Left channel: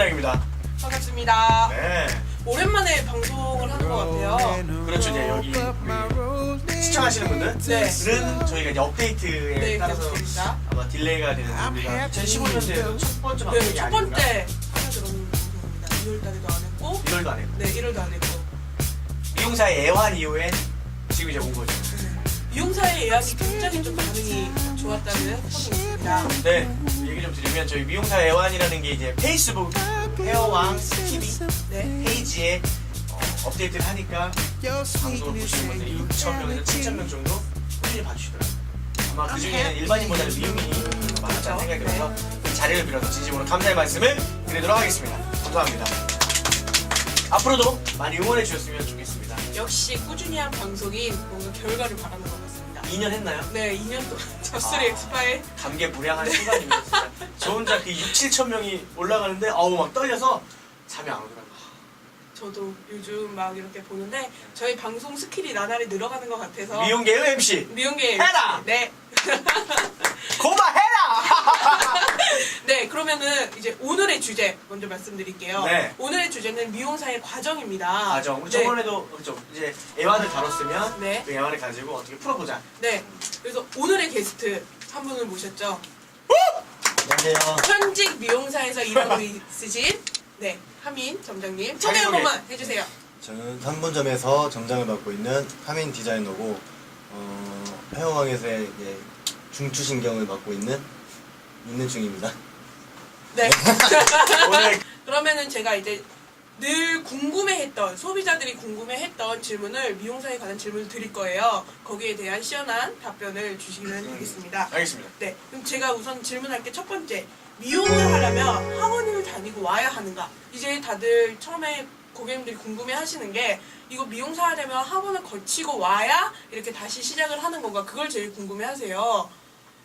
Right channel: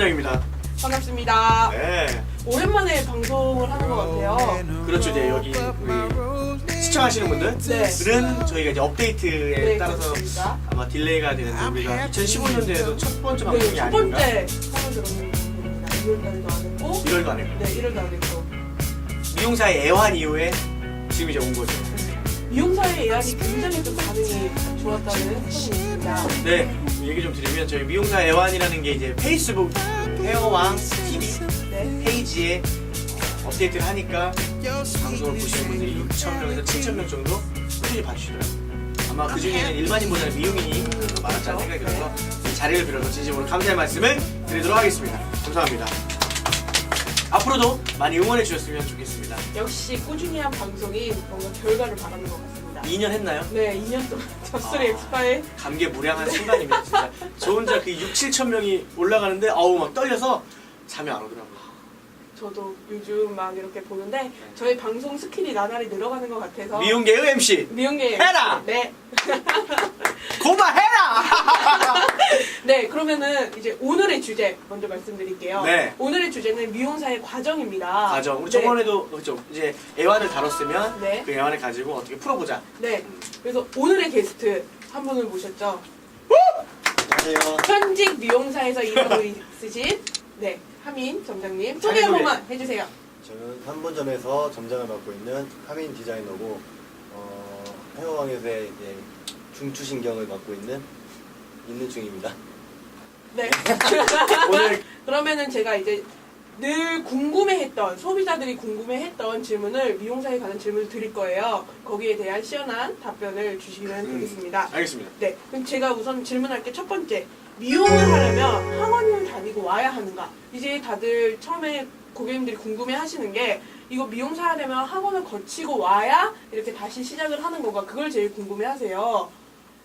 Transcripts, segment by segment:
원장입니다. 반갑습니다. 네. 오랜만에 방송을 하는 것 같아요. 그렇죠. 이제 여기 우리 시청하시는 분들은 저희가 이제 업데이트에 네, 따라서 그렇습니다. 아마 딜레이가 되는 이유가 2015년도에도 첫 번째 방송이 네, 첫 아닌가? 번째 하나 들어보는 방송입니다. 2월달에도 안 했고, 1월도 안 했고. 네, 1월도 안 했고. 미용사의 애환 이후에 지금 이제 온 거죠. 미용사의 예약이 굉장히 좀 반응이 좋았다는 소문입니다. 네, 얘기 좀 드리면 저희 미용사 애환이라는 게 이제 페이스북 헤어왕 TV 네. 페이지에 업데이트를 하니까 방송 보시는 분들이 6,000명에서 7,000명 정도 꾸준히 봐주시더라고요. 아마 그 중에는 일반인보다는 미용인이 더 많았다는 생각이 들어서 자리를 빌어서 진심으로 감사의 말씀을 드리도록 하겠습니다. 감사합니다. 앞으로도 많이 응원해 주셨으면 좋겠습니다. 역시 꾸준히 한 방송이 뭔가 결과를 바라는 것 같습니다. 2년 했나요? 네, 2년 동안 잡술의 엑스파일. 감개무량한 순간이에요. 진짜. 저 혼자 그 6, 7천 명이 올라가는데 아우 막 떨려서 잠이 안 오더라고요. 저도 요즘 막 이렇게 보는데 저희 방송 스킬이 나날이 늘어가는 것 같아서 미용계의 MC 미용계 해라! 네. 고마해라! 네, 그러면은 이제 오늘의 주제 먼저 말씀드릴게요. 네. 오늘의 주제는 미용사의 과정입니다. 맞아. 우리 네. 저번에도 그렇죠. 이제 애환을 다뤘으면 네. 그 애환을 가지고 어떻게 풀어보자. 네. 그래서 오늘의 게스트 한 분을 모셨죠. 안녕하세요. 현직 미용사에서 일하고 있으신 네, 하민 점장님 소개 한 자기소개. 번만 해주세요. 저는 한분점에서 점장을 맡고 있는 하민 디자이너고 헤어왕에서의 이제 중추신경을 맡고 있는 중입니다. 네. 오늘 그러면은 제가 이제 늘 궁금해했던 소비자들이 궁금해했던 질문을 미용사에 관한 질문을 드릴 거예요. 거기에 대한 시원한 답변을 주시면 되겠습니다. 알겠습니다. 네, 그럼 제가 우선 질문할 게 첫 번째. 미용을 하려면 학원을 다니고 와야 하는가? 이제 다들 처음에 고객님들이 궁금해 하시는 게 이거 미용사 하려면 학원을 거치고 와야 이렇게 다시 시작을 하는 건가? 그걸 제일 궁금해 하세요.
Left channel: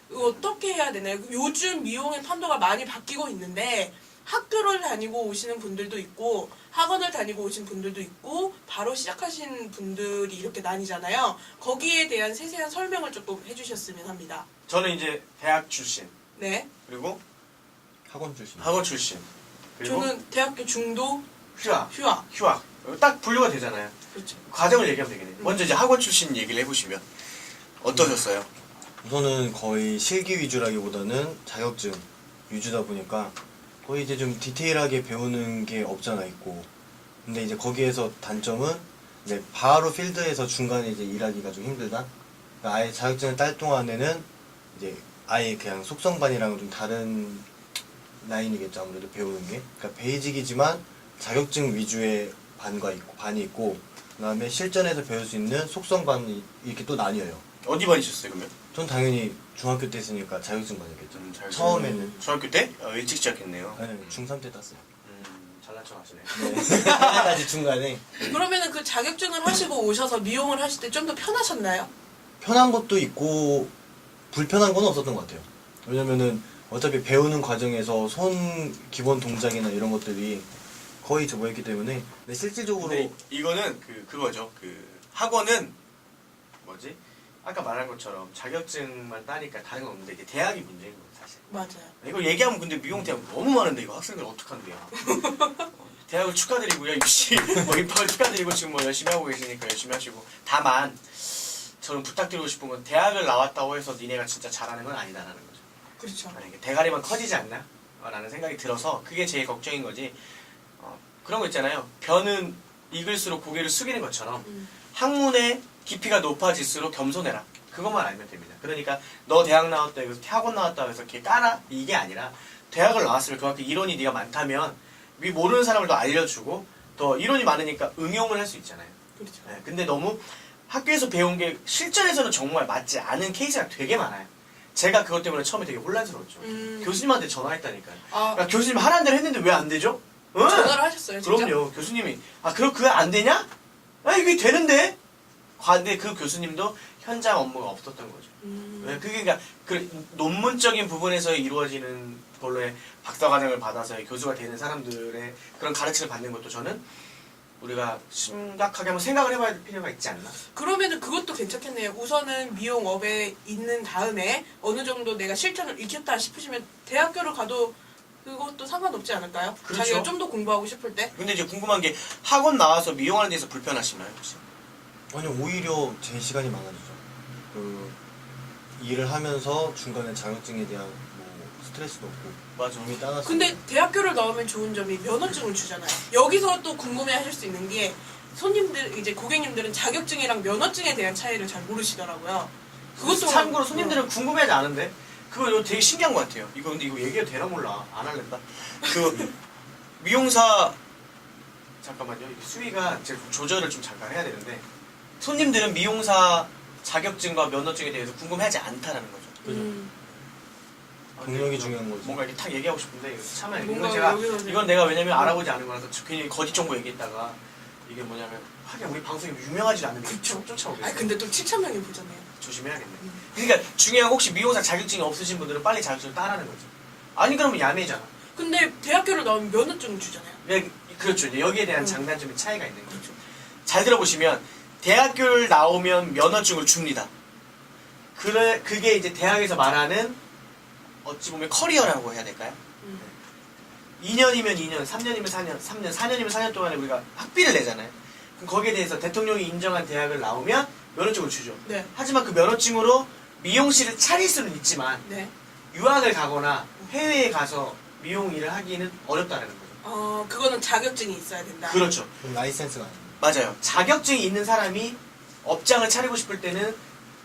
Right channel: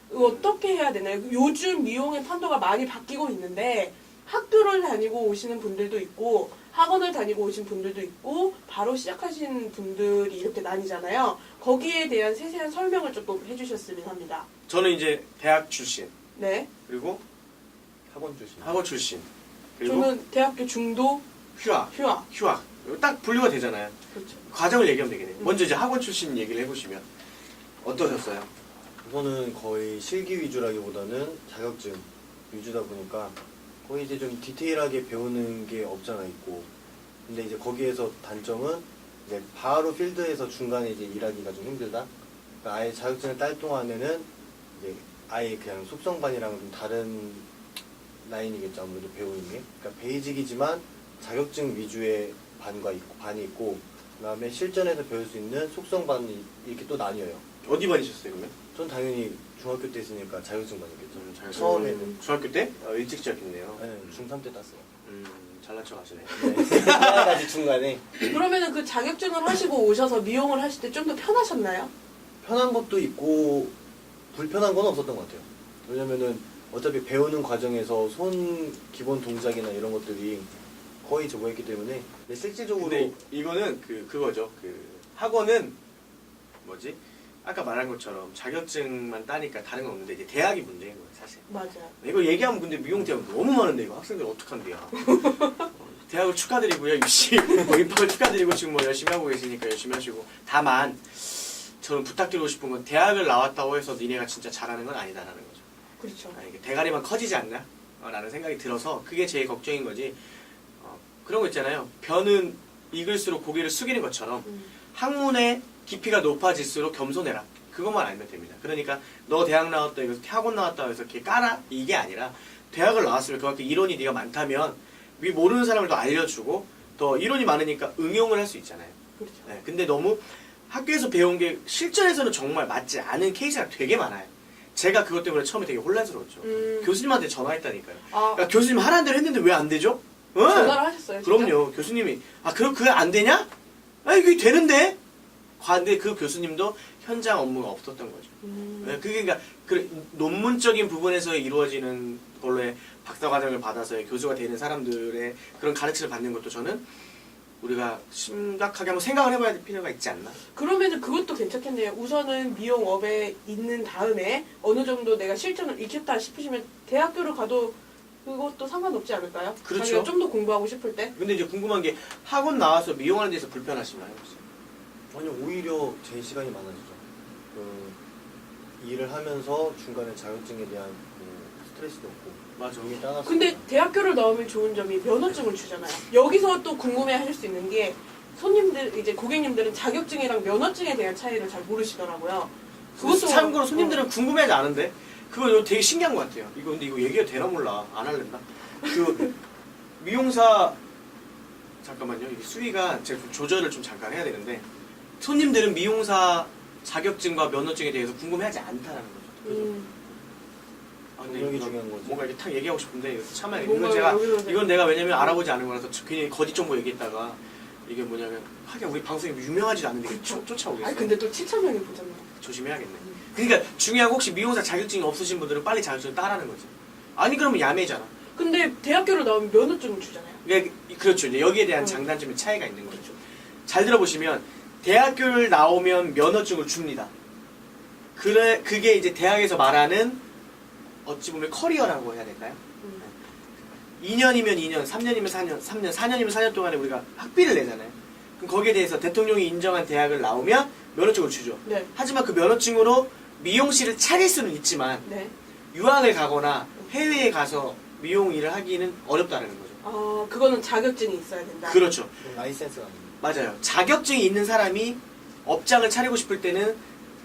이거 어떻게 해야 되나요? 요즘 미용의 판도가 많이 바뀌고 있는데 학교를 다니고 오시는 분들도 있고 학원을 다니고 오신 분들도 있고 바로 시작하신 분들이 이렇게 나뉘잖아요. 거기에 대한 세세한 설명을 조금 해주셨으면 합니다. 저는 이제 대학 출신 네. 그리고 학원 출신. 학원 출신 그리고 저는 대학교 중도 휴학 휴학. 딱 분류가 되잖아요. 그렇죠. 과정을 얘기하면 되겠네요. 먼저 이제 학원 출신 얘기를 해보시면 어떠셨어요? 우선은 거의 실기 위주라기보다는 자격증 위주다 보니까 거의 이제 좀 디테일하게 배우는 게 없잖아 있고. 근데 이제 거기에서 단점은 이제 바로 필드에서 중간에 이제 일하기가 좀 힘들다. 그러니까 아예 자격증을 딸 동안에는 이제 아예 그냥 속성반이랑은 좀 다른 라인이겠죠, 아무래도 배우는 게. 그러니까 베이직이지만 자격증 위주의 반이 있고, 그다음에 실전에서 배울 수 있는 속성반이 이렇게 또 나뉘어요. 어디 반이셨어요 그러면? 전 당연히 중학교 때 했으니까 자격증 반이겠죠. 자격증. 처음에는 중학교 때? 일찍 시작했네요. 네, 중3 때 땄어요. 잘난 척 하시네. 네. 아직 중간에 그러면은 그 자격증을 하시고 오셔서 미용을 하실 때 좀 더 편하셨나요? 편한 것도 있고 불편한 건 없었던 것 같아요. 왜냐면은 어차피 배우는 과정에서 손 기본 동작이나 이런 것들이 거의 저거였기 때문에 근데 실질적으로 근데 이거는 그거죠. 학원은 뭐지? 아까 말한 것처럼 자격증만 따니까 다른 건 없는데 이제 대학이 문제인 거예요, 사실. 맞아요. 이거 얘기하면 근데 미용 대학 너무 많은데 이거 학생들 어떡한데요? 대학을 축하드리고요, 입시 뭐 입학을 축하드리고 지금 뭐 열심히 하고 계시니까 열심히 하시고. 다만 저는 부탁드리고 싶은 건 대학을 나왔다고 해서 니네가 진짜 잘하는 건 아니다라는 거죠. 그렇죠. 이게 대가리만 커지지 않나? 라는 생각이 들어서 그게 제일 걱정인 거지. 그런 거 있잖아요. 변은 익을수록 고개를 숙이는 것처럼 학문의 깊이가 높아질수록 겸손해라. 그것만 알면 됩니다. 그러니까 너 대학 나왔다 해서 학원 나왔다 해서 이렇게 까라? 이게 아니라 대학을 나왔으면 그만큼 이론이 네가 많다면 모르는 사람을 더 알려주고 더 이론이 많으니까 응용을 할 수 있잖아요. 그렇죠. 네, 근데 너무 학교에서 배운 게 실전에서는 정말 맞지 않은 케이스가 되게 많아요. 제가 그것 때문에 처음에 되게 혼란스러웠죠. 교수님한테 전화했다니까요. 아, 야, 교수님 하라는 대로 했는데 왜 안 되죠? 응? 전화를 하셨어요, 진짜? 그럼요. 교수님이 그거 안 되냐? 이게 되는데? 근데 그 교수님도 현장 업무가 없었던 거죠. 그게 그러니까 논문적인 부분에서 이루어지는 걸로의 박사과정을 받아서 교수가 되는 사람들의 그런 가르침을 받는 것도 저는 우리가 심각하게 한번 생각을 해봐야 될 필요가 있지 않나. 그러면은 그것도 괜찮겠네요. 우선은 미용업에 있는 다음에 어느 정도 내가 실천을 익혔다 싶으시면 대학교를 가도 그것도 상관없지 않을까요? 그렇죠. 자기가 좀 더 공부하고 싶을 때. 근데 이제 궁금한 게 학원 나와서 미용하는 데서 불편하시나요 혹시? 아니 오히려 제 시간이 많아지죠. 일을 하면서 중간에 자격증에 대한 뭐 스트레스도 없고 맞아. 몸이 따라서. 근데 대학교를 나오면 좋은 점이 면허증을 주잖아요. 여기서 또 궁금해하실 수 있는 게 손님들 이제 고객님들은 자격증이랑 면허증에 대한 차이를 잘 모르시더라고요. 그것도 참고로 손님들은 궁금해하지 않은데 그거 이거 되게 신기한 것 같아요. 이거 근데 이거 얘기가 되나 몰라. 안 할랜다. 그 미용사 잠깐만요. 이게 수위가 제가 좀 조절을 좀 잠깐 해야 되는데 손님들은 미용사 자격증과 면허증에 대해서 궁금해하지 않다라는 거죠. 능력이 중요한 거지. 뭔가 이렇게 탁 얘기하고 싶은데 이거 참아요. 뭔가 이건 제가 여기서 이건 내가 왜냐면 알아보지 않은 거라서 괜히 거짓 정보 얘기했다가 이게 뭐냐면 하긴 우리 방송이 유명하지도 않은데 그쵸. 쫓아오겠어요. 아니 근데 또 7,000명이 보잖아요. 조심해야겠네. 그러니까 중요한 거 혹시 미용사 자격증이 없으신 분들은 빨리 자격증을 따라는 거지. 아니 그러면 야매잖아. 근데 대학교를 나오면 면허증을 주잖아요. 그렇죠. 이제 여기에 대한 장단점의 차이가 있는 거죠. 잘 들어보시면 대학교를 나오면 면허증을 줍니다. 그게 이제 대학에서 말하는 어찌 보면 커리어라고 해야 될까요? 2년이면 2년, 3년이면 4년, 4년이면 4년 동안에 우리가 학비를 내잖아요. 그럼 거기에 대해서 대통령이 인정한 대학을 나오면 면허증을 주죠. 네. 하지만 그 면허증으로 미용실을 차릴 수는 있지만 네. 유학을 가거나 해외에 가서 미용 일을 하기는 어렵다는 거죠. 그거는 자격증이 있어야 된다. 그렇죠. 라이센스가 아니에요. 맞아요. 자격증이 있는 사람이 업장을 차리고 싶을 때는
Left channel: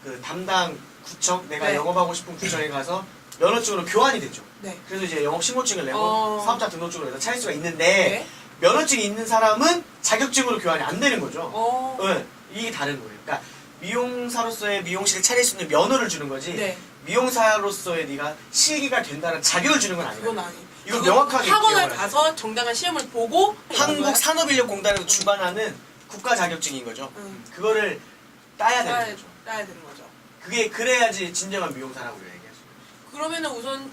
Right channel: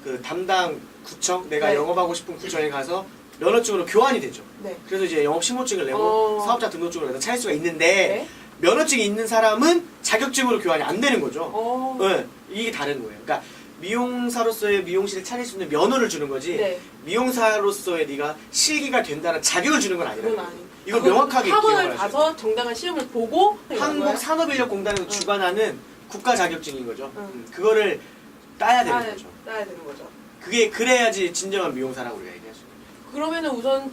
그 담당 구청, 내가 네. 영업하고 싶은 구청에 가서 면허증으로 교환이 되죠. 네. 그래서 이제 영업 신고증을 내고 사업자 등록증을 내서 차릴 수가 있는데 네. 면허증이 있는 사람은 자격증으로 교환이 안 되는 거죠. 어. 네, 이게 다른 거예요. 그러니까 미용사로서의 미용실을 차릴 수 있는 면허를 주는 거지 네. 미용사로서의 네가 실기가 된다는 자격을 주는 건 아니에요. 그건 아니. 이거 명확하게 학원을 기억을 하세요. 가서 정당한 시험을 보고 한국산업인력공단에서 주관하는 국가 자격증인 거죠. 그거를 따야 되는 거죠. 따야 되는 거죠. 그게 그래야지 진정한 미용사라고 우리가 얘기할 수 있어요. 그러면은 우선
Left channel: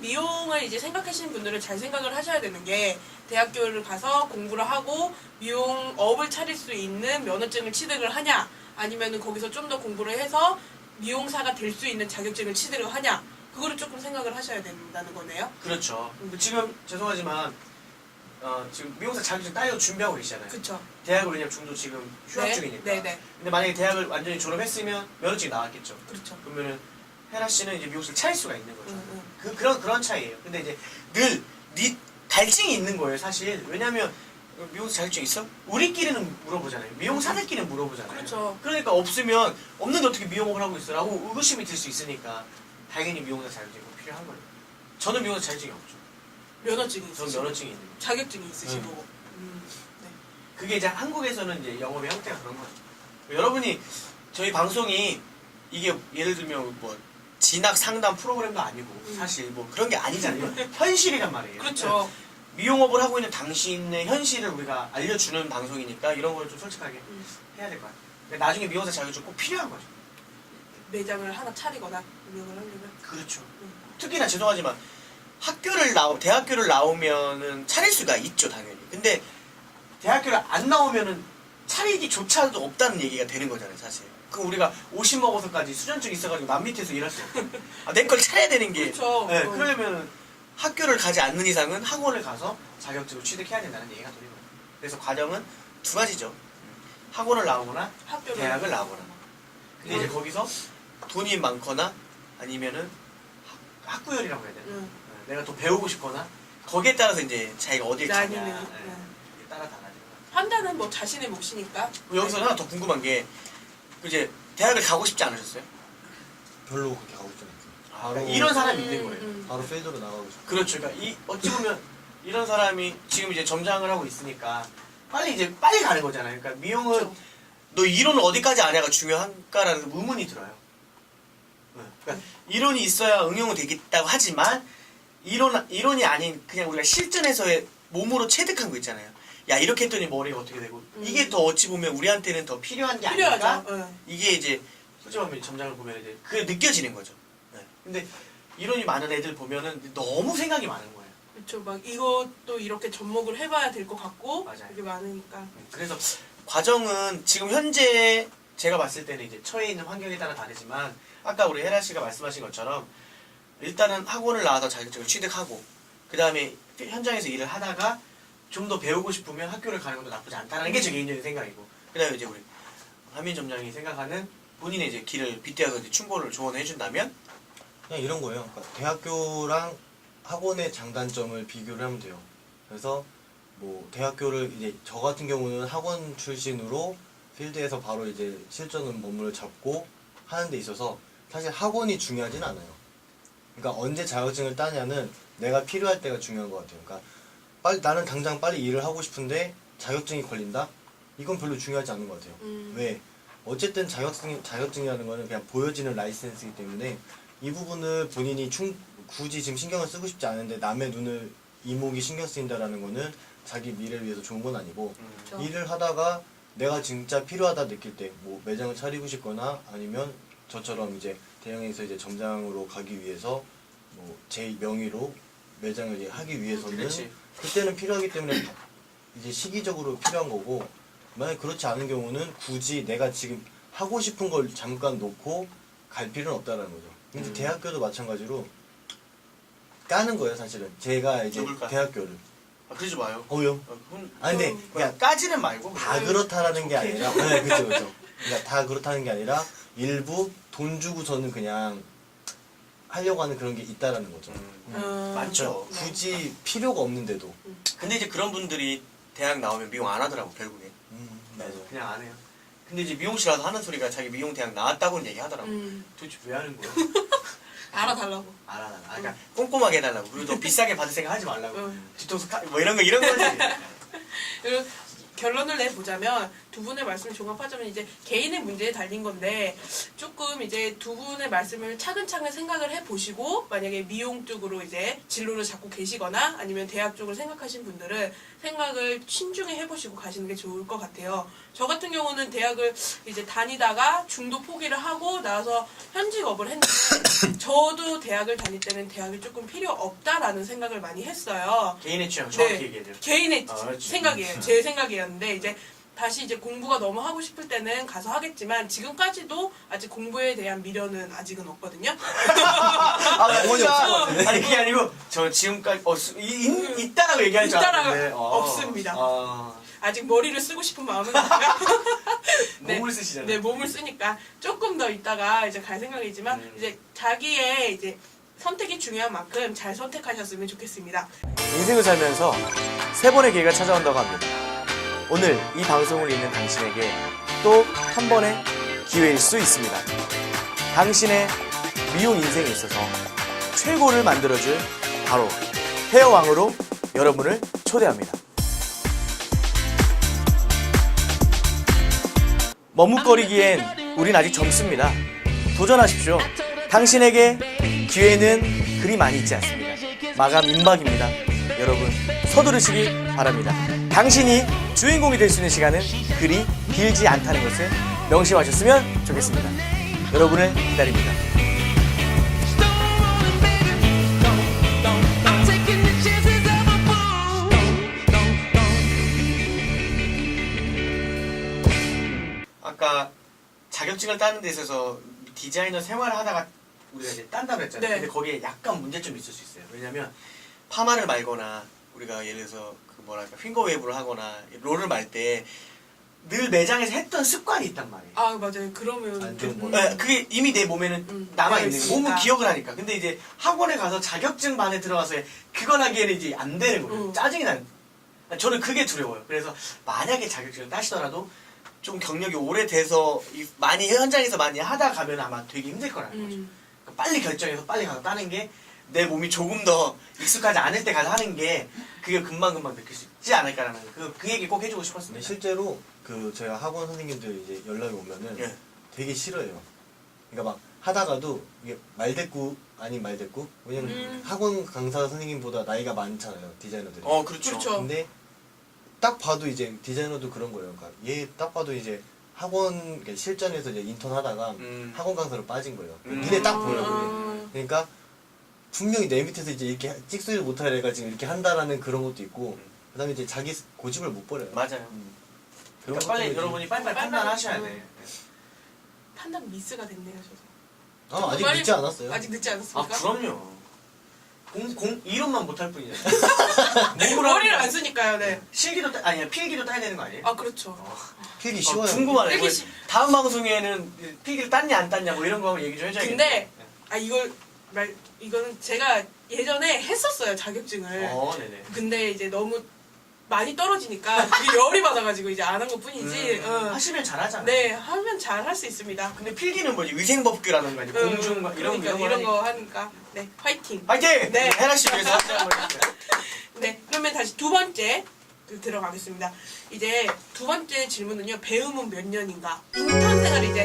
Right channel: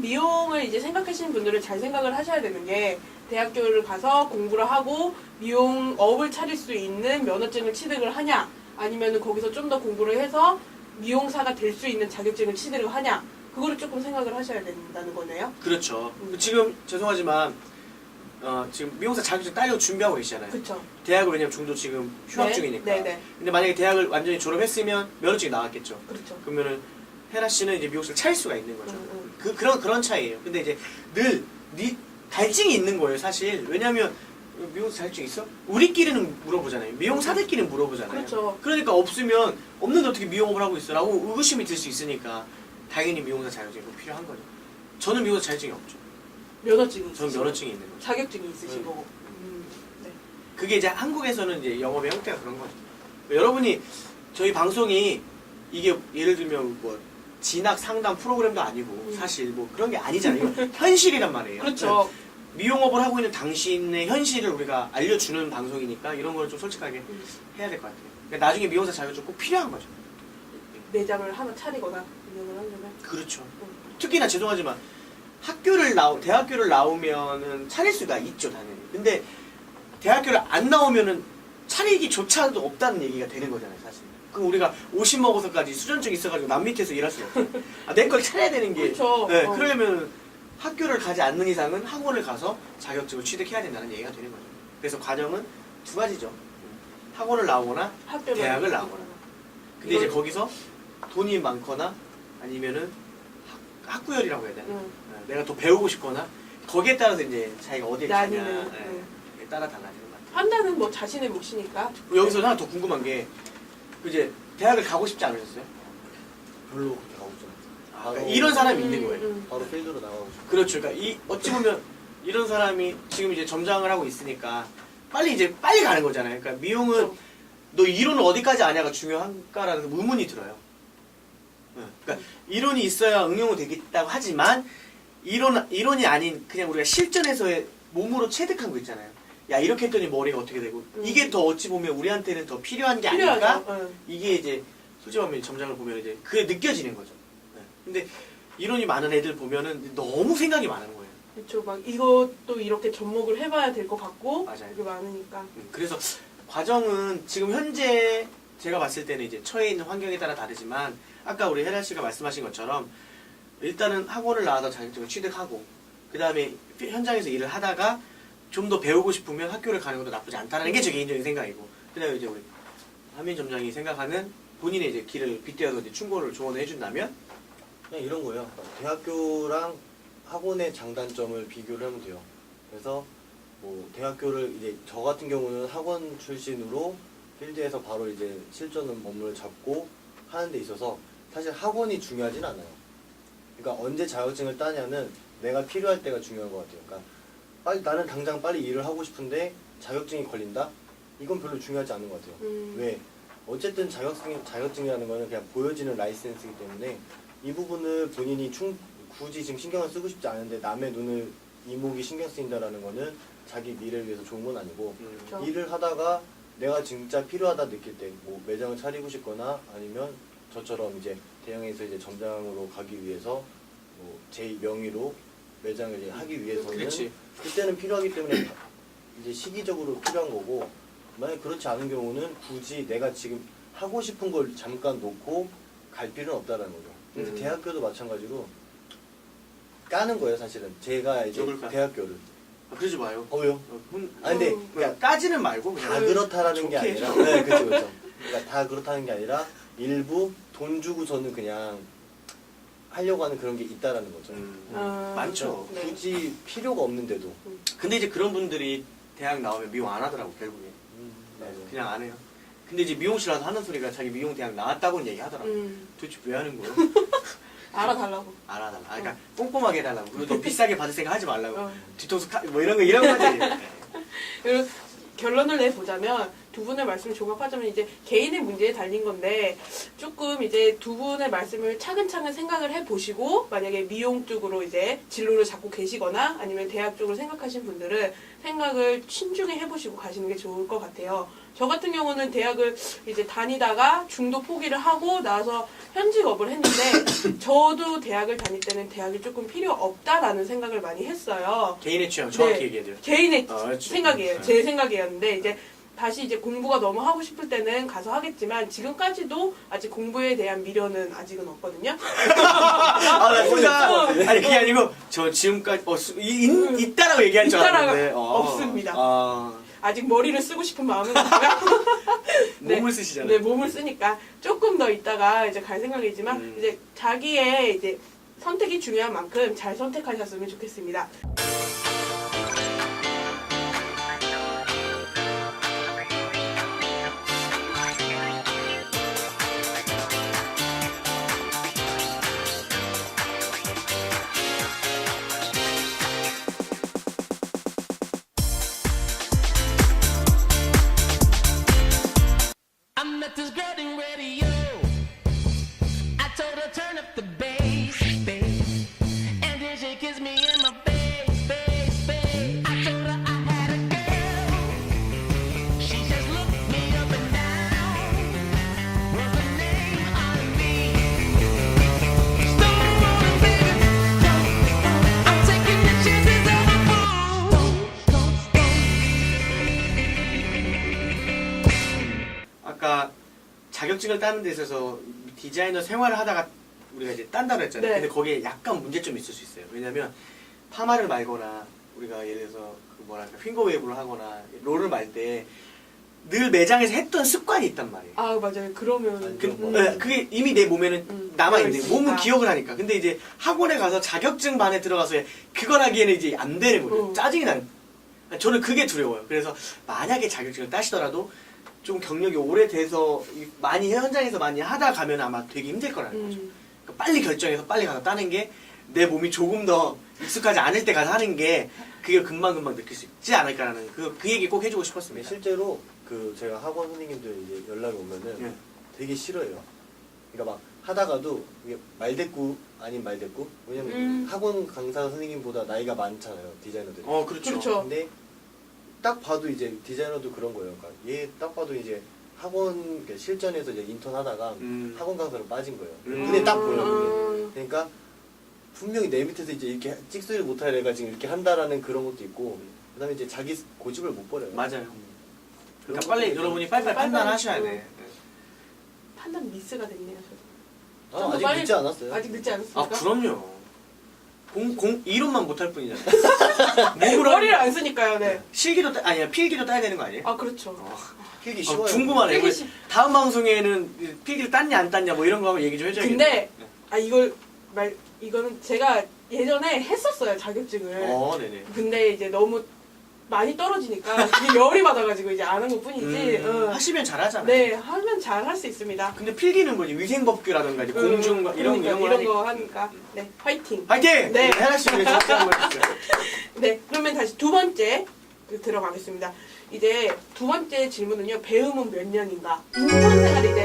미용을 이제 생각하시는 분들은 잘 생각을 하셔야 되는 게 대학교를 가서 공부를 하고 미용업을 차릴 수 있는 면허증을 취득을 하냐 아니면은 거기서 좀 더 공부를 해서 미용사가 될 수 있는 자격증을 취득을 하냐 그거를 조금 생각을 하셔야 된다는 거네요. 그렇죠. 지금 죄송하지만 지금 미용사 자격증 따려고 준비하고 계시잖아요. 그렇죠. 대학을 왜냐면 중도 지금 휴학 네, 중이니까. 네네. 근데 만약에 대학을 완전히 졸업했으면 면허증이 나왔겠죠. 그렇죠. 그러면은 헤라 씨는 이제 미용실을 차릴 수가 있는 거죠. 음. 그런 차이예요. 근데 이제 늘 갈증이 있는 거예요, 사실. 왜냐면 미용사 자격증 있어? 우리끼리는 물어보잖아요. 미용사들끼리는 물어보잖아요. 그렇죠. 그러니까 없으면 없는데 어떻게 미용업을 하고 있어라고 의구심이 들 수 있으니까 당연히 미용사 자격증이 꼭 필요한 거죠. 저는 미용사 자격증이 없죠. 면허증이 저는 있으시고 면허증이 있는 거죠. 자격증이 있으신 네. 거고. 네. 그게 이제 한국에서는 이제 영업의 형태가 그런 거예요. 여러분이 저희 방송이 이게 예를 들면 뭐 진학 상담 프로그램도 아니고 사실 뭐 그런 게 아니잖아요. 이건 현실이란 말이에요. 그렇죠. 미용업을 하고 있는 당신의 현실을 우리가 알려주는 방송이니까 이런 걸 좀 솔직하게 해야 될 것 같아요. 근데 나중에 미용사 자격증 꼭 필요한 거죠. 매장을 하나 차리거나 운영을 하려면. 그렇죠. 특히나 죄송하지만 대학교를 나오면은 차릴 수가 있죠, 당연히. 근데 대학교를 안 나오면은 차리기조차도 없다는 얘기가 되는 거잖아요, 사실. 그럼 우리가 50 먹어서까지 수전증 있어가지고 남 밑에서 일할 수 없고, 내 걸 차려야 되는 게. 그렇죠. 네, 그러면 학교를 가지 않는 이상은 학원을 가서 자격증을 취득해야 된다는 얘기가 되는 거죠. 그래서 과정은 두 가지죠. 학원을 나오거나 대학을 나오거나. 근데 이제 거기서 돈이 많거나 아니면은 학구열이라고 해야 되나? 응. 내가 더 배우고 싶거나 거기에 따라서 이제 자기가 어디에 가냐 나뉘는, 예, 응. 그에 따라 달라지는 것 같아요. 판단은 뭐 자신의 몫이니까. 그리고 여기서 하나 더 궁금한 게 이제 대학을 가고 싶지 않으셨어요? 별로 그렇게 가고 싶지 않아요. 그러니까 이런 사람이 있는 거예요. 바로 페이드로 나가고 싶어요. 그렇죠. 그러니까 어찌 보면 이런 사람이 지금 이제 점장을 하고 있으니까 빨리 가는 거잖아요. 그러니까 미용은 그렇죠. 너 이론을 어디까지 아냐가 중요한가라는 의문이 들어요. 그러니까 이론이 있어야 응용이 되겠다고 하지만 이론이 아닌 그냥 우리가 실전에서의 몸으로 체득한 거 있잖아요. 야 이렇게 했더니 머리가 어떻게 되고 이게 더 어찌 보면 우리한테는 더 필요한 게 아닐까? 필요하죠. 응. 이게 이제 솔직히 말하면 점장을 보면 이제 그게 느껴지는 거죠. 네. 근데 이론이 많은 애들 보면은 너무 생각이 많은 거예요. 그렇죠. 막 이것도 이렇게 접목을 해봐야 될 것 같고 맞아요. 이게 많으니까. 그래서 과정은 지금 현재 제가 봤을 때는 이제 처해 있는 환경에 따라 다르지만 아까 우리 혜라 씨가 말씀하신 것처럼 일단은 학원을 나와서 자격증을 취득하고 그 다음에 현장에서 일을 하다가 좀 더 배우고 싶으면 학교를 가는 것도 나쁘지 않다는 게 제 개인적인 생각이고, 그 다음에 이제 우리 한민 점장이 생각하는 본인의 이제 길을 빗대어서 이제 충고를 조언을 해준다면 그냥 이런 거예요. 그러니까 대학교랑 학원의 장단점을 비교를 하면 돼요. 그래서 뭐 대학교를 이제 저 같은 경우는 학원 출신으로 필드에서 바로 이제 실전을 몸을 잡고 하는 데 있어서 사실 학원이 중요하진 않아요. 그러니까 언제 자격증을 따냐는 내가 필요할 때가 중요한 것 같아요. 그러니까 빨리 나는 당장 빨리 일을 하고 싶은데 자격증이 걸린다? 이건 별로 중요하지 않은 것 같아요. 왜? 어쨌든 자격증이라는 거는 그냥 보여지는 라이센스이기 때문에 이 부분을 본인이 굳이 지금 신경을 쓰고 싶지 않은데 남의 눈을 이목이 신경 쓰인다라는 거는 자기 미래를 위해서 좋은 건 아니고 그렇죠. 일을 하다가 내가 진짜 필요하다 느낄 때 뭐 매장을 차리고 싶거나 아니면 저처럼 이제 대형에서 이제 점장으로 가기 위해서 뭐 제 명의로 매장을 이제 하기 위해서는 그렇지. 그때는 필요하기 때문에 이제 시기적으로 필요한 거고 만약 그렇지 않은 경우는 굳이 내가 지금 하고 싶은 걸 잠깐 놓고 갈 필요는 없다라는 거죠. 근데 대학교도 마찬가지로 까는 거예요, 사실은. 제가 이제 누굴 대학교를. 그러지 마요. 어요? 아니 근데 그냥 까지는 말고 다 그냥 그렇다라는 게 좋게. 아니라 네, 그렇죠, 그렇죠. 그러니까 다 그렇다는 게 아니라 일부 돈 주고서는 그냥 하려고 하는 그런 게 있다라는 거죠. 많죠. 네. 굳이 필요가 없는데도. 근데 이제 그런 분들이 대학 나오면 미용 안 하더라고 결국에. 맞아. 그냥 안 해요. 근데 이제 미용실에서 하는 소리가 자기 미용 대학 나왔다고는 얘기하더라고. 음. 도대체 왜 하는 거야? 알아달라고. 알아달라. 그러니까 꼼꼼하게 해달라고. 그리고 더 비싸게 받을 생각 하지 말라고. 어. 뒤통수 뭐 이런 거지. 그리고 결론을 내보자면 두 분의 말씀을 종합하자면 이제 개인의 문제에 달린 건데 조금 이제 두 분의 말씀을 차근차근 생각을 해보시고 만약에 미용 쪽으로 이제 진로를 잡고 계시거나 아니면 대학 쪽을 생각하신 분들은 생각을 신중히 해보시고 가시는 게 좋을 것 같아요. 저 같은 경우는 대학을 이제 다니다가 중도 포기를 하고 나서 현직업을 했는데 저도 대학을 다닐 때는 대학이 조금 필요 없다라는 생각을 많이 했어요. 개인의 취향 정확히 네. 얘기해야 돼요. 개인의 그렇지. 생각이에요. 제 생각이었는데 이제 다시 이제 공부가 너무 하고 싶을 때는 가서 하겠지만 지금까지도 아직 공부에 대한 미련은 아직은 없거든요. 나 진짜 아니 그게 아니고 저 지금까지 있다라고 얘기할 줄 있다라고 알았는데 없습니다. 아직 머리를 쓰고 싶은 마음은 없지만 네. 몸을 쓰시잖아요. 네, 몸을 쓰니까 조금 더 있다가 이제 갈 생각이지만 이제 자기의 이제 선택이 중요한 만큼 잘 선택하셨으면 좋겠습니다. 인생을 살면서 세 번의 기회가 찾아온다고 합니다. 오늘 이 방송을 읽는 당신에게 또 한 번의 기회일 수 있습니다. 당신의 미용 인생에 있어서 최고를 만들어줄 바로 헤어왕으로 여러분을 초대합니다. 머뭇거리기엔 우린 아직 젊습니다. 도전하십시오. 당신에게 기회는 그리 많이 있지 않습니다. 마감 임박입니다. 여러분 서두르시기 바랍니다. 당신이 주인공이 될 수 있는 시간은 그리 길지 않다는 것을 명심하셨으면 좋겠습니다. 여러분을 기다립니다. 아까 자격증을 따는 데 있어서 디자이너 생활을 하다가 우리가 이제 딴다고 했잖아요. 네. 근데 거기에 약간 문제점이 있을 수 있어요. 왜냐면 파마를 말거나 우리가 예를 들어서 그 뭐랄까 핑거웨이브를 하거나 롤을 말 때 늘 매장에서 했던 습관이 있단 말이에요. 아 맞아요. 그러면 안 좋은 거. 그게 이미 내 몸에는 남아있는 거예요. 몸은 그렇습니다. 기억을 하니까. 근데 이제 학원에 가서 자격증 반에 들어가서 그걸 하기에는 이제 안 되는 거예요. 짜증이 나요. 저는 그게 두려워요. 그래서 만약에 자격증을 따시더라도 좀 경력이 오래돼서 많이 현장에서 많이 하다 가면 아마 되게 힘들 거라는 거죠. 그러니까 빨리 결정해서 빨리 가서 따는 게 내 몸이 조금 더 익숙하지 않을 때 가서 하는 게 그게 금방금방 느낄 수 있지 않을까라는 그 얘기 꼭 해주고 근데 싶었습니다. 실제로 그 저희가 학원 선생님들 이제 연락이 오면은 예. 되게 싫어요. 그러니까 막 하다가도 이게 말대꾸 아닌 말대꾸. 왜냐면 학원 강사 선생님보다 나이가 많잖아요, 디자이너들이. 그렇죠. 그렇죠. 근데 딱 봐도 이제 디자이너도 그런 거예요. 그러니까 얘 딱 봐도 이제 학원 실전에서 이제 인턴 하다가 학원 강사로 빠진 거예요. 눈에 딱 보여요. 그게. 그러니까 분명히 내 밑에서 이제 이렇게 찍소리를 못할 애가 지금 이렇게 한다라는 그런 것도 있고, 그다음에 이제 자기 고집을 못 버려요. 맞아요. 그런 그러니까 빨리 것들이 여러분이 빨리빨리 판단하셔야 돼. 판단 미스가 됐네요. 저도. 아직 빨리- 늦지 않았어요. 아직 늦지 않았습니까? 그럼요. 이론만 못할 뿐이잖아요. 머리를 안 쓰니까요. 네. 실기도 아니야 필기도 따야 되는 거 아니에요? 아 그렇죠. 필기 쉬워요. 궁금하네. 필기 다음 방송에는 필기를 땄냐 안 땄냐 뭐 이런 거 한번 얘기 좀 해줘야겠네. 근데 이거는 제가 예전에 했었어요 자격증을. 네네. 근데 이제 너무 많이 떨어지니까 그게 열이 받아가지고 이제 안 한 것뿐이지. 하시면 잘하잖아요. 네 하면 잘 할 수 있습니다. 근데 필기는 뭐 위생법규라든가 이제 공중과 이런 그러니까 거 하니까 네 화이팅. 파이팅! 네. 헤라 씨 위해서 한번 해주세요. 네 그러면 다시 두 번째 들어가겠습니다. 이제 두 번째 질문은요. 배움은 몇 년인가? 인턴 생활 이제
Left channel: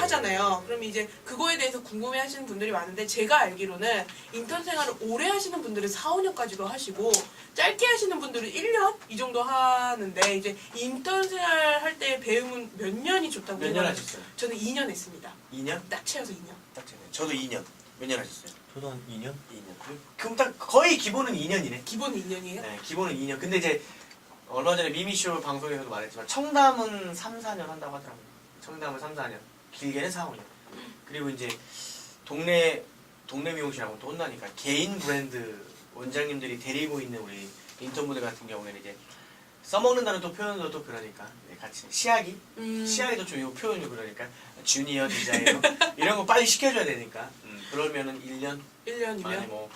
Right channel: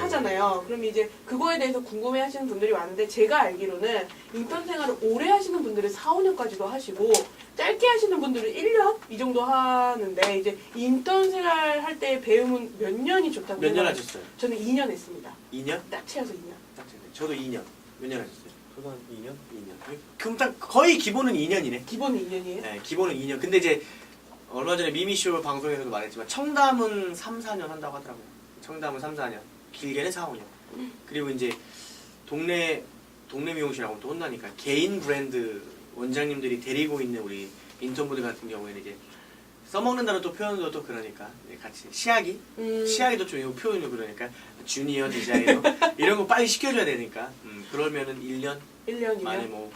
하잖아요. 그럼 이제 그거에 대해서 궁금해 하시는 분들이 많은데 제가 알기로는 인턴 생활을 오래 하시는 분들은 4, 5년까지도 하시고 짧게 하시는 분들은 1년 이 정도 하는데 이제 인턴 생활 할 때 배움은 몇 년이 좋다고 몇 년 생각하세요? 하셨어요? 저는 2년 했습니다. 2년? 딱 채워서 2년. 딱 됐네. 저도 2년. 몇 년 하셨어요? 저도 한 2년? 2년. 그럼 딱 거의 기본은 2년이네. 기본 2년이에요? 네, 기본은 2년. 근데 이제 얼마 전에 미미쇼 방송에서도 말했지만 청담은 3, 4년 한다고 하더라고요. 청담은 3, 4년. 길게는 4, 5년. 그리고 이제 동네 미용실하고 또 혼나니까 개인 브랜드 원장님들이 데리고 있는 우리 인턴분들 같은 경우에는 이제 써먹는다는 또 표현도 또 그러니까 이제 같이 시야기도 좀 이거 표현이 그러니까 주니어 디자이너 이런 거 빨리 시켜줘야 되니까 그러면은 1년 1년이면? 만에 뭐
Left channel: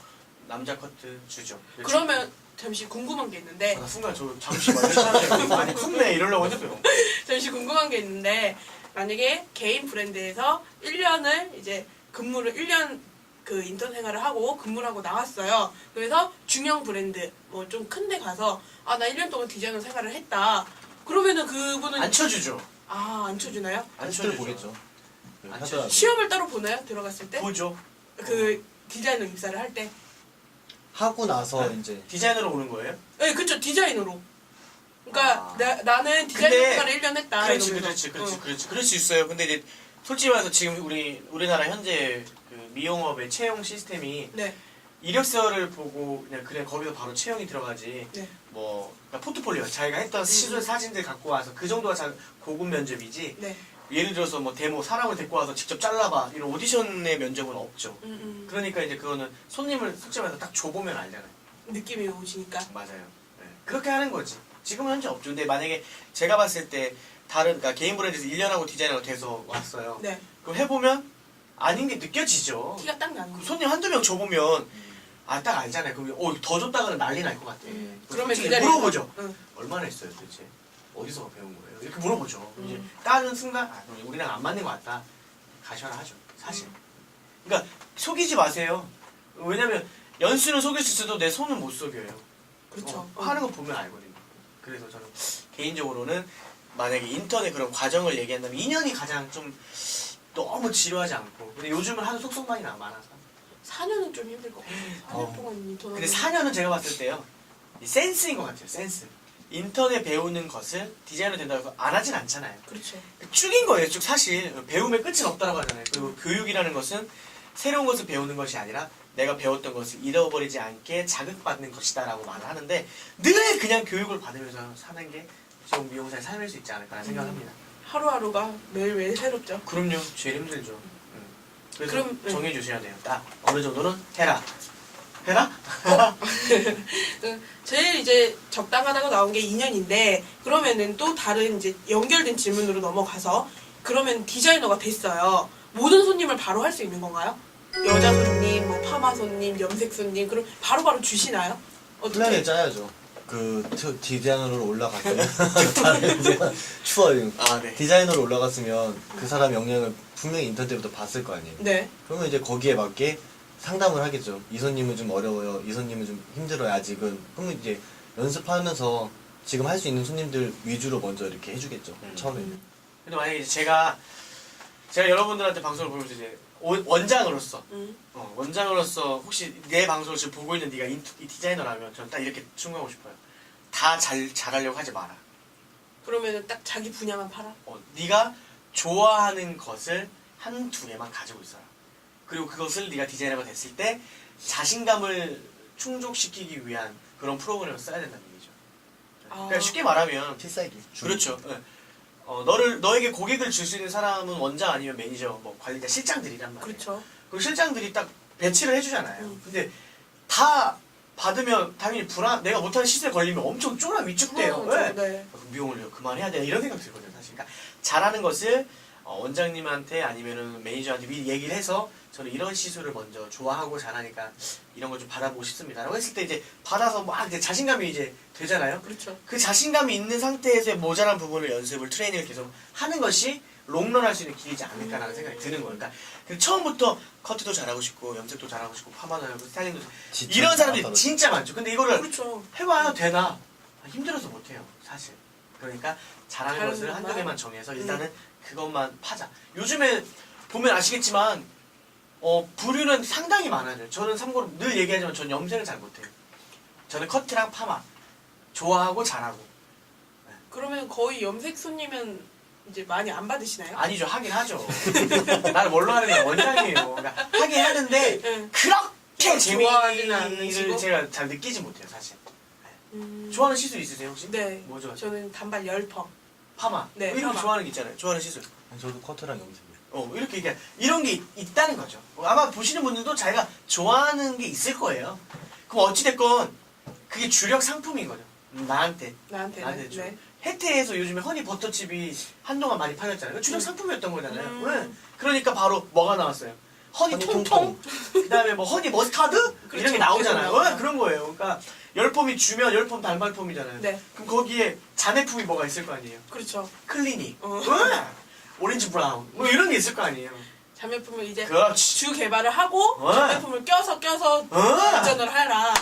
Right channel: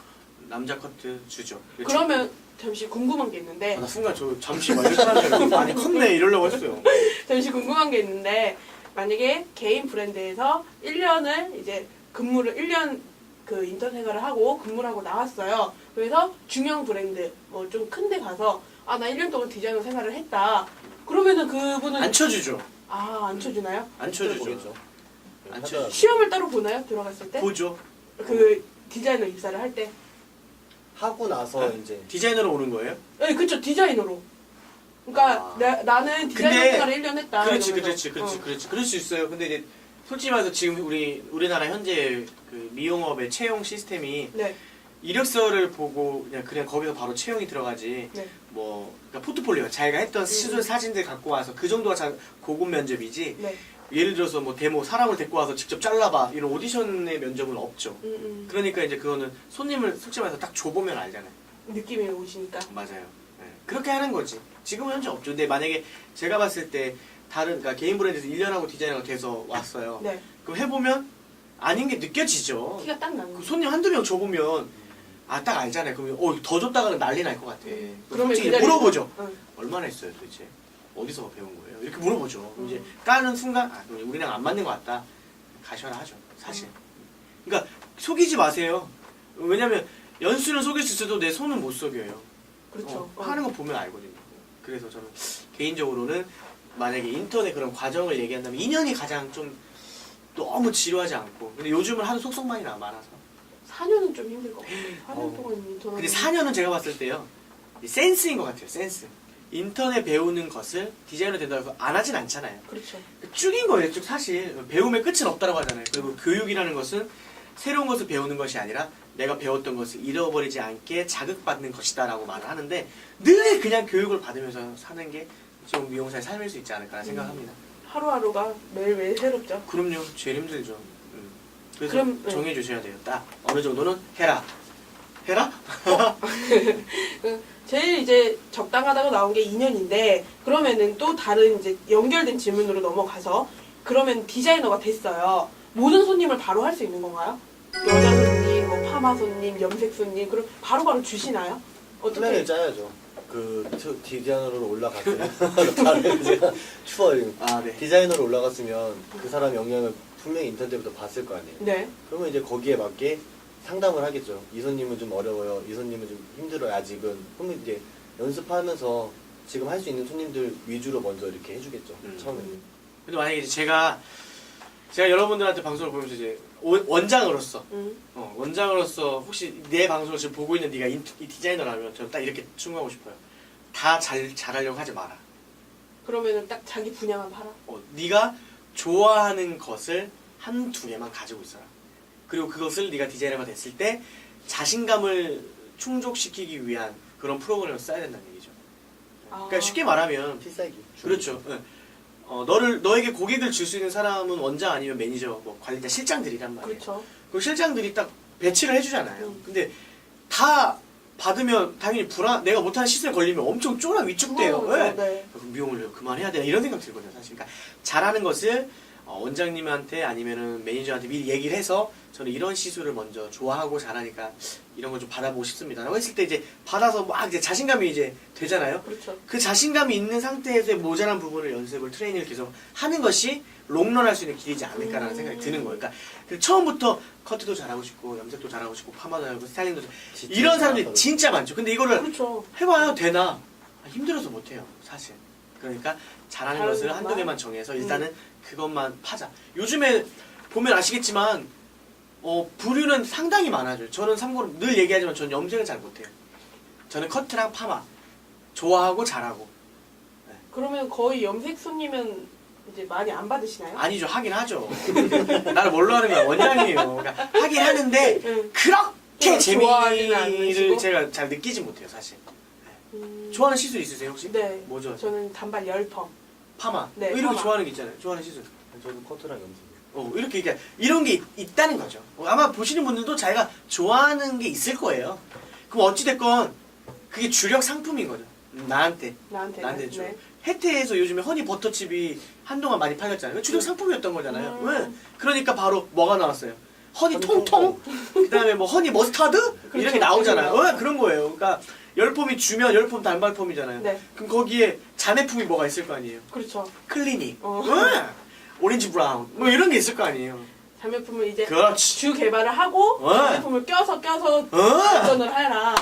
남자 커트 주죠. 그러면 잠시 궁금한 게 있는데 나 순간 저 잠시만 사람이 많이 컸네 이러려고 했어요. 잠시 궁금한 게 있는데 만약에 개인 브랜드에서 1년을 이제 1년 그 인턴 생활을 하고 근무를 하고 나왔어요. 그래서 중형 브랜드 뭐 좀 큰 데 가서 나 1년 동안 디자이너 생활을 했다. 그러면은 그분은 안 쳐주죠. 안 쳐주나요? 안 쳐주죠. 안 쳐주죠. 시험을 따로 보나요? 들어갔을 때? 보죠. 그 디자이너 입사를 할 때? 하고 나서 네. 이제 디자이너로 오는 거예요? 네, 그쵸. 디자이너로. 그러니까 나는 디자이너 근데 생활을 1년 했다. 그렇지, 이러면서. 그렇지. 그럴 수 있어요. 근데 이제 솔직히 말해서 지금 우리나라 현재 그 미용업의 채용 시스템이 네. 이력서를 보고 그냥 거기서 바로 채용이 들어가지. 네. 뭐 그러니까 포트폴리오 자기가 했던 시술 사진들 갖고 와서 그 정도가 고급 면접이지. 네. 예를 들어서 뭐 데모 사람을 데리고 와서 직접 잘라봐 이런 오디션의 면접은 없죠. 그러니까 이제 그거는 손님을 솔직히 말해서 딱 줘보면 알잖아요. 느낌이 오시니까. 맞아요. 네. 그렇게 하는 거지. 지금은 현재 없죠. 근데 만약에 제가 봤을 때 그러니까 개인 브랜드에서 1년하고 디자이너가 돼서 왔어요. 네. 그럼 해보면 아닌 게 느껴지죠. 티가 딱 나는 그 거. 손님 한두 명 줘보면 딱 알잖아요. 그럼 더 줬다가는 난리 날 것 같아. 그러면 솔직히 그 자리에서- 물어보죠. 응. 얼마나 했어요 도대체? 어디서 배운 거예요? 이렇게 물어보죠. 그럼 이제 까는 순간 우리랑 안 맞는 것 같다. 가셔라 하죠. 사실. 그러니까 속이지 마세요. 왜냐면 연수는 속일 수 있어도 내 손은 못 속여요. 그렇죠. 하는 거 보면 알거든요. 그래서 저는 개인적으로는 만약에 인턴의 그런 과정을 얘기한다면 2년이 가장 좀 너무 지루하지 않고 근데 요즘은 하도 속속만이 많아서 4년은 좀 힘들 것 같아요. 4년 동안 인턴. 근데 4년은 제가 봤을 때요 이 센스인 것 같아요. 센스. 인턴에 배우는 것을 디자이너 된다고 해서 안 하진 않잖아요. 그렇죠. 쭉인 거예요. 쭉 사실 배움의 끝은 없다고 하잖아요. 그리고 교육이라는 것은 새로운 것을 배우는 것이 아니라 내가 배웠던 것을 잃어버리지 않게 자극받는 것이다 라고 말을 하는데 늘 그냥 교육을 받으면서 사는 게 지금 미용사의 삶일 수 있지 않을까 생각합니다. 하루하루가 매일매일 새롭죠. 그럼요. 제일 힘들죠. 그래서 그럼, 정해주셔야 돼요. 딱 어느 정도는 해라. 해라? 제일 이제 적당하다고 나온 게 2년인데 그러면은 또 다른 이제 연결된 질문으로 넘어가서 그러면 디자이너가 됐어요. 모든 손님을 바로 할 수 있는 건가요? 여자 손님, 뭐 파마 손님, 염색 손님 그럼 바로바로 주시나요? 플랜을 어떻게? 짜야죠. 디자이너로 올라갔으면 다른 이제 추워요. 네. 디자이너로 올라갔으면 그 사람 역량을 분명히 인턴 때부터 봤을 거 아니에요. 네. 그러면 이제 거기에 맞게 상담을 하겠죠. 이 손님은 좀 어려워요. 이 손님은 좀 힘들어요. 아직은. 그러면 이제 연습하면서 지금 할 수 있는 손님들 위주로 먼저 이렇게 해주겠죠. 처음에는. 근데 만약에 이제 제가 여러분들한테 방송을 보면서 이제 원장으로서 원장으로서 혹시 내 방송을 지금 보고 있는 네가 이 디자이너라면 저는 딱 이렇게 충고하고 싶어요. 다 잘하려고 하지 마라. 그러면은 딱 자기 분야만 팔아? 네가 좋아하는 것을 한두 개만 가지고 있어라. 그리고 그것을 네가 디자이너가 됐을 때 자신감을 충족시키기 위한 그런 프로그램을 써야 된다는 얘기죠. 그러니까 쉽게 말하면 필살기. 그렇죠. 너에게 고객을 줄 수 있는 사람은 원장 아니면 매니저, 뭐 관리자, 실장들이란 말이에요. 그렇죠. 그 실장들이 딱 배치를 해주잖아요. 근데 다 받으면 당연히 내가 못하는 시술에 걸리면 엄청 쫄아 위축돼요. 네. 네. 그럼 미용을 그만해야 되나 이런 생각 들거든요. 사실. 그러니까 잘하는 것을 원장님한테 아니면은 매니저한테 미리 얘기를 해서 저는 이런 시술을 먼저 좋아하고 잘하니까 이런 걸 좀 받아보고 싶습니다. 라고 했을 때 이제 받아서 이제 자신감이 이제 되잖아요. 그렇죠. 그 자신감이 있는 상태에서의 모자란 부분을 연습을 트레이닝을 계속 하는 것이 롱런할 수 있는 길이지 않을까라는 생각이 드는 거예요. 그러니까 처음부터 커트도 잘하고 싶고 염색도 잘하고 싶고 파마도 하고 스타일링도 이런 사람들이 진짜 많죠. 근데 이거를 그렇죠. 해봐요 되나? 힘들어서 못해요 사실. 그러니까 잘하는 다른 것을 것만? 한두 개만 정해서 일단은 그것만 파자. 요즘에 보면 아시겠지만 부류는 상당히 많아져요. 저는 참고로 늘 얘기하지만 저는 염색을 잘 못해요. 저는 커트랑 파마 좋아하고 잘하고. 그러면 거의 염색 손님은 이제 많이 안 받으시나요? 아니죠. 하긴 하죠. 나를 뭘로 하는 거야? 원장이에요. 그러니까 하긴 하는데 응. 그렇게 좋아하지는 재미를 않으시고? 제가 잘 느끼지 못해요 사실. 음. 좋아하는 시술 있으세요 혹시? 네. 뭐 좋아하세요? 저는 단발 열펌. 파마. 네, 이렇게 파마. 좋아하는 게 있잖아요. 좋아하는 시술. 저도 커트랑 염색이요. 이렇게 이런 게 있다는 거죠. 아마 보시는 분들도 자기가 좋아하는 게 있을 거예요. 그럼 어찌됐건 그게 주력 상품인 거죠. 나한테 나한테는. 좀. 네. 혜태에서 요즘에 허니 버터칩이 한동안 많이 팔렸잖아요. 그 주력 상품이었던 거잖아요. 왜? 그러니까 바로 뭐가 나왔어요? 허니 허니 통통? 그 다음에 뭐 허니 머스타드? 이런 게 그렇죠. 나오잖아요. 그렇죠. 그런 거예요. 그러니까 열폼이 주면 열폼 단발폼이잖아요. 네. 그럼 거기에 잔해품이 뭐가 있을 거 아니에요? 그렇죠. 클리닉, 어. 오렌지 브라운 뭐 이런 게 있을 거 아니에요. 자매품을 이제 그렇지. 주 개발을 하고 자매품을 껴서 발전을 해라.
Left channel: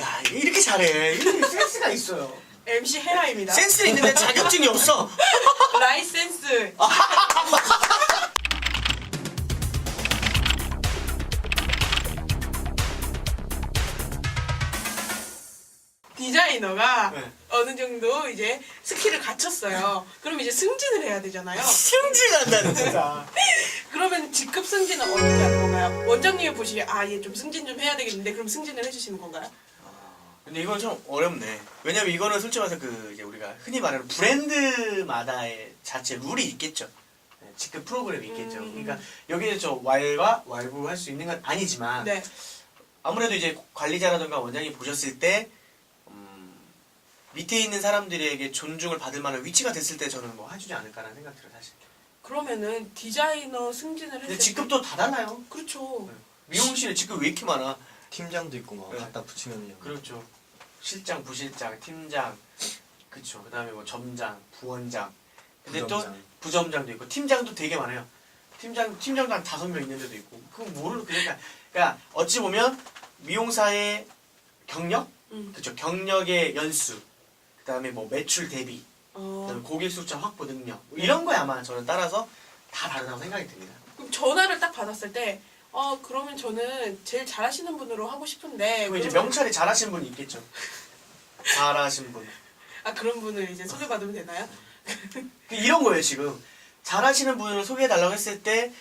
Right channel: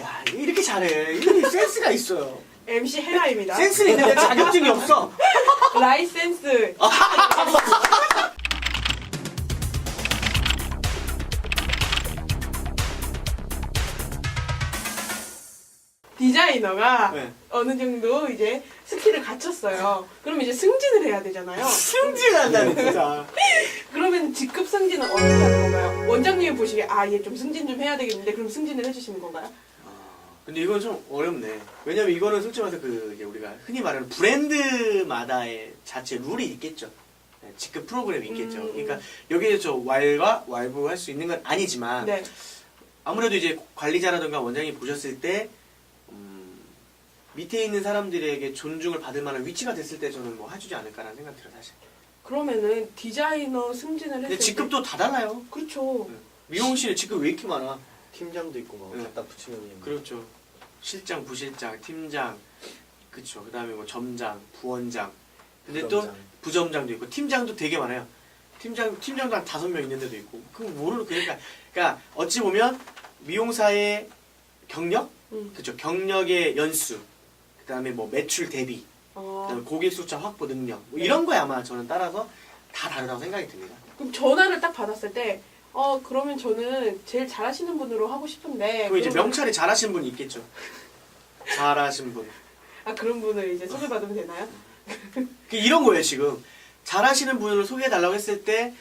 야 이렇게 잘해. 이렇게 센스가 있어요. MC 헤라입니다. 센스 있는데 자격증이 없어. 라이센스. 디자이너가 네. 어느 정도 이제 스킬을 갖췄어요. 그럼 이제 승진을 해야 되잖아요. 승진한다는 진짜. 그러면 직급 승진은 어떻게 하는 건가요? 원장님이 보시기에 얘 좀 승진 좀 해야 되겠는데 그럼 승진을 해주시는 건가요? 근데 이건 좀 어렵네. 왜냐면 이거는 솔직히 말해서 이제 우리가 흔히 말하는 브랜드마다의 자체 룰이 있겠죠. 네, 직급 프로그램이 있겠죠. 그러니까 여기에 저 왈과 왈부할 수 있는 건 아니지만 네. 아무래도 이제 관리자라든가 원장이 보셨을 때 밑에 있는 사람들에게 존중을 받을 만한 위치가 됐을 때 저는 뭐 해주지 않을까라는 생각이 들어요 사실. 그러면 디자이너 승진을 했을 근데 때 직급도 다 달라요. 그렇죠. 미용실에 직급 왜 이렇게 많아? 팀장도 있고 뭐 네. 갖다 붙이면 그렇죠. 실장, 부실장, 팀장, 그렇죠. 그다음에 뭐 점장, 부원장. 근데 또 부점장도 있고 팀장도 되게 많아요. 팀장도 한 5명 있는 데도 있고. 그럼 뭐를 그러니까 어찌 보면 미용사의 경력, 그렇죠. 경력의 연수, 그다음에 뭐 매출 대비, 그다음에 고객 숫자 확보 능력 뭐 이런 거에 아마 저는 따라서 다 다르다고 생각이 듭니다. 그럼 전화를 딱 받았을 때 그러면 저는 제일 잘하시는 분으로 하고 싶은데 그럼 이제 그러면- 명찰이 잘하시는 분이 있겠죠. 잘하신 분. 그런 분을 이제 소개받으면 되나요? 이런 거예요 지금. 잘하시는 분을 소개해달라고 했을 때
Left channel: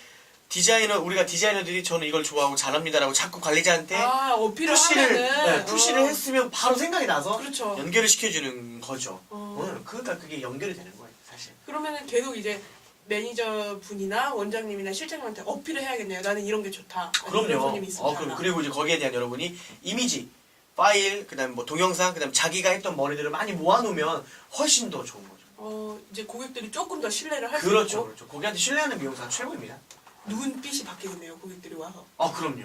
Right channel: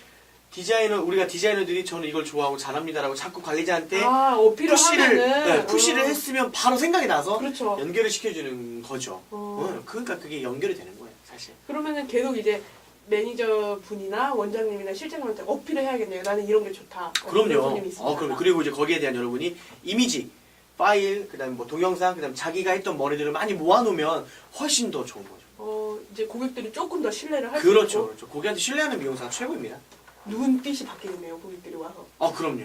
우리가 디자이너들이 저는 이걸 좋아하고 잘합니다라고 자꾸 관리자한테 어필을 푸시를 하면은 푸시를 했으면 바로 생각이 나서 그렇죠. 연결을 시켜주는 거죠. 그러니까 그게 연결이 되는 거예요 사실. 그러면은 계속 이제 매니저 분이나 원장님이나 실장님한테 어필을 해야겠네요. 나는 이런 게 좋다. 이런 그럼요. 손님이 있습니다. 그럼 그리고 이제 거기에 대한 여러분이 이미지, 파일, 그다음에 뭐 동영상, 그다음에 자기가 했던 머리들을 많이 모아놓으면 훨씬 더 좋은 거죠. 이제 고객들이 조금 더 신뢰를 할 수 그렇죠, 있고 그렇죠. 거기한테 신뢰하는 미용사가 최고입니다. 눈빛이 바뀌겠네요. 고객들이 와서. 그럼요.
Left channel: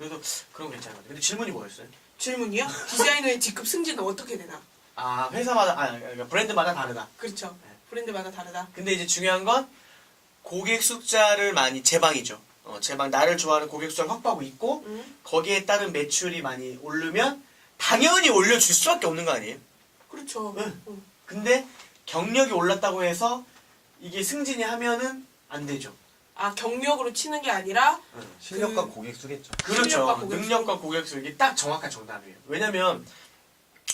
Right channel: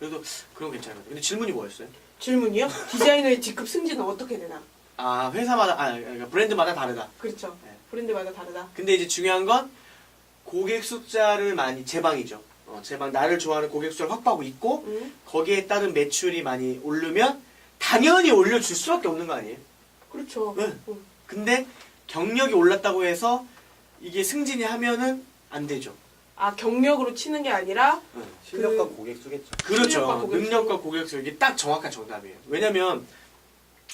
그래도 그런 거 괜찮아요. 근데 질문이 뭐였어요? 질문이요? 디자이너의 직급 승진은 어떻게 되나? 회사마다, 그러니까 브랜드마다 다르다. 그렇죠. 네. 브랜드마다 다르다. 근데 이제 중요한 건 고객 숫자를 많이 제방이죠. 나를 좋아하는 고객 숫자를 확보하고 있고 거기에 따른 매출이 많이 오르면 당연히 올려줄 수밖에 없는 거 아니에요? 그렇죠. 네. 근데 경력이 올랐다고 해서 이게 승진이 하면은 안 되죠. 경력으로 치는 게 아니라 실력과 고객 수겠죠. 그렇죠. 실력과 고객 수. 능력과 고객 수 이게 딱 정확한 정답이에요. 왜냐면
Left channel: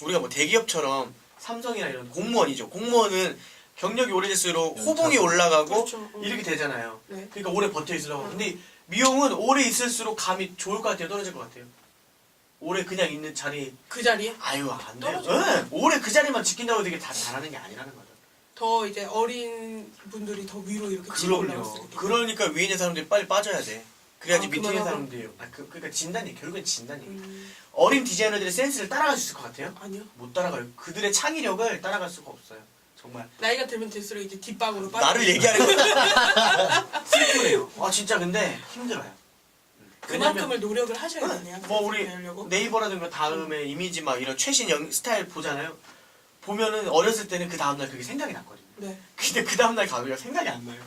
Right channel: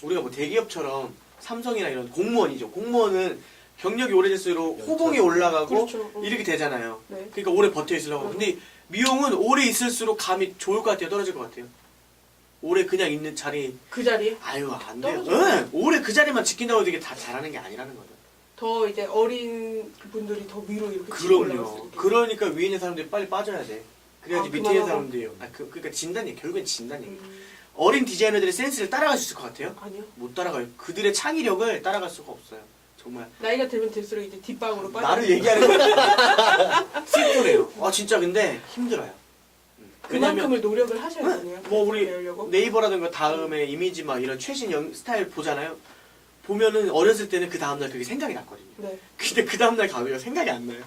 우리가 뭐 대기업처럼 삼성이나 이런 공무원이죠. 공무원은 경력이 오래될수록 호봉이 올라가고 그렇죠. 이렇게 되잖아요. 네. 그러니까 오래 버텨 있으려고. 근데 미용은 오래 있을수록 감이 좋을 것 같아요. 떨어질 것 같아요. 오래 그냥 있는 자리 그 자리에 안 돼요. 떨어져요. 네. 오래 그 자리만 지킨다고 되게 다 잘하는 게 아니라는 거죠. 더 이제 어린 분들이 더 위로 이렇게 치고 올라갈 수 그럼요. 있게. 그러니까 위에 있는 사람들이 빨리 빠져야 돼. 그래야지 밑에 있는 그만하라. 사람들이 그러니까 진단이 결국엔 진단이. 음, 어린 디자이너들의 센스를 따라갈 수 있을 것 같아요? 아니요. 못 따라가요. 그들의 창의력을 따라갈 수가 없어요. 정말. 나이가 들면 들수록 이제 뒷방으로 빠져. 나를 얘기하는 거 슬프네요. 아 진짜 근데 힘들어요. 그만큼의 노력을 하셔야 되네요. 뭐 우리 배우려고. 네이버라든가 다음에 이미지 막 이런 최신 스타일 보잖아요. 보면은 어렸을 때는 그 다음날 그게 생각이 났거든요. 네. 근데 그 다음날 가면 생각이 안 나요.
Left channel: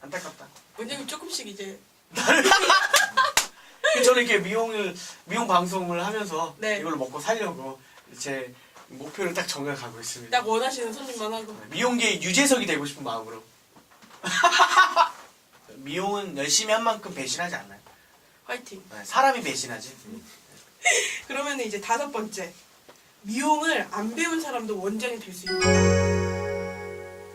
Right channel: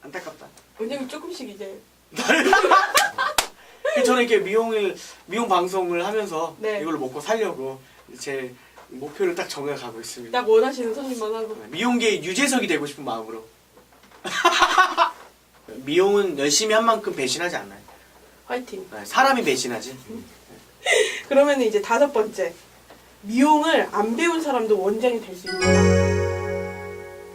안타깝다. 원장님 조금씩 이제 저는 이렇게 미용 방송을 하면서 네. 이걸로 먹고 살려고 제 목표를 딱 정해가고 있습니다. 딱 원하시는 손님만 하고. 미용계의 유재석이 되고 싶은 마음으로. 미용은 열심히 한 만큼 배신하지 않나요? 화이팅. 네, 사람이 배신하지. 그러면 이제 5번째. 미용을 안 배운 사람도 원장이 될 수 있다.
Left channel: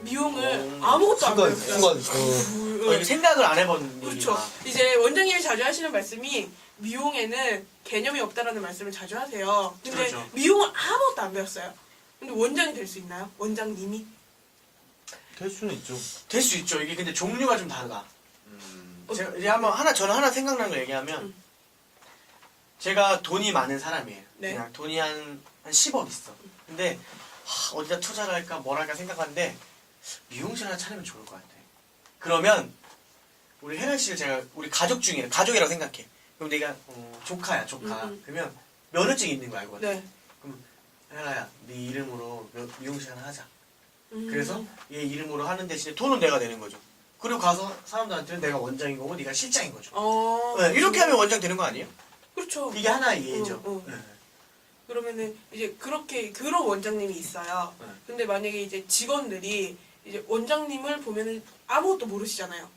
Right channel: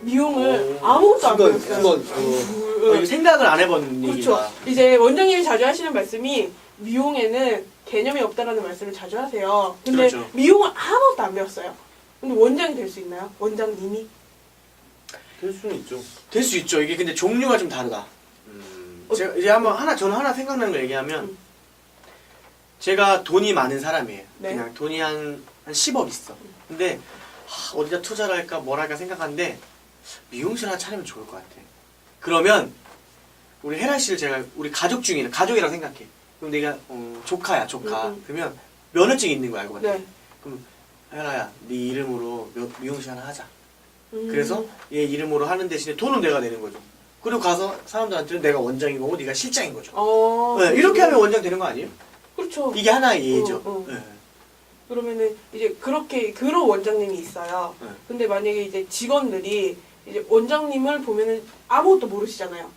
미용을 오, 아무것도 안 순간 배웠어요. 이거 생각을 안 해본 그렇죠. 얘기가. 이제 원장님이 자주 하시는 말씀이 미용에는 개념이 없다라는 말씀을 자주 하세요. 근데 그렇죠. 미용을 아무것도 안 배웠어요. 근데 원장이 될 수 있나요? 원장님이? 될 수는 있죠. 될 수 있죠. 이게 근데 종류가 좀 다르다. 제가 이제 저는 하나 생각나는 거 얘기하면 제가 돈이 많은 사람이에요. 네. 그냥 돈이 한 10억 있어. 근데 어디다 투자를 할까 뭘 할까 생각하는데 미용실 하나 차리면 좋을 것 같아. 그러면 우리 혜라 씨를 제가 우리 가족 중에 가족이라고 생각해. 그럼 내가 조카야 조카. 그러면 면허증이 있는 거 알고 같아. 네. 그럼 혜라야 네 이름으로 미용실 하나 하자. 음. 그래서 얘 이름으로 하는 대신에 돈은 내가 내는 거죠. 그리고 가서 사람들한테는 내가 원장인 거고 네가 실장인 거죠. 네, 이렇게 하면 원장 되는 거 아니에요? 그렇죠. 이게 하나의 예죠. 네. 그러면은 이제 그렇게 그런 원장님이 있어요. 네. 근데 만약에 이제 직원들이 이제 원장님을 보면은 아무것도 모르시잖아요.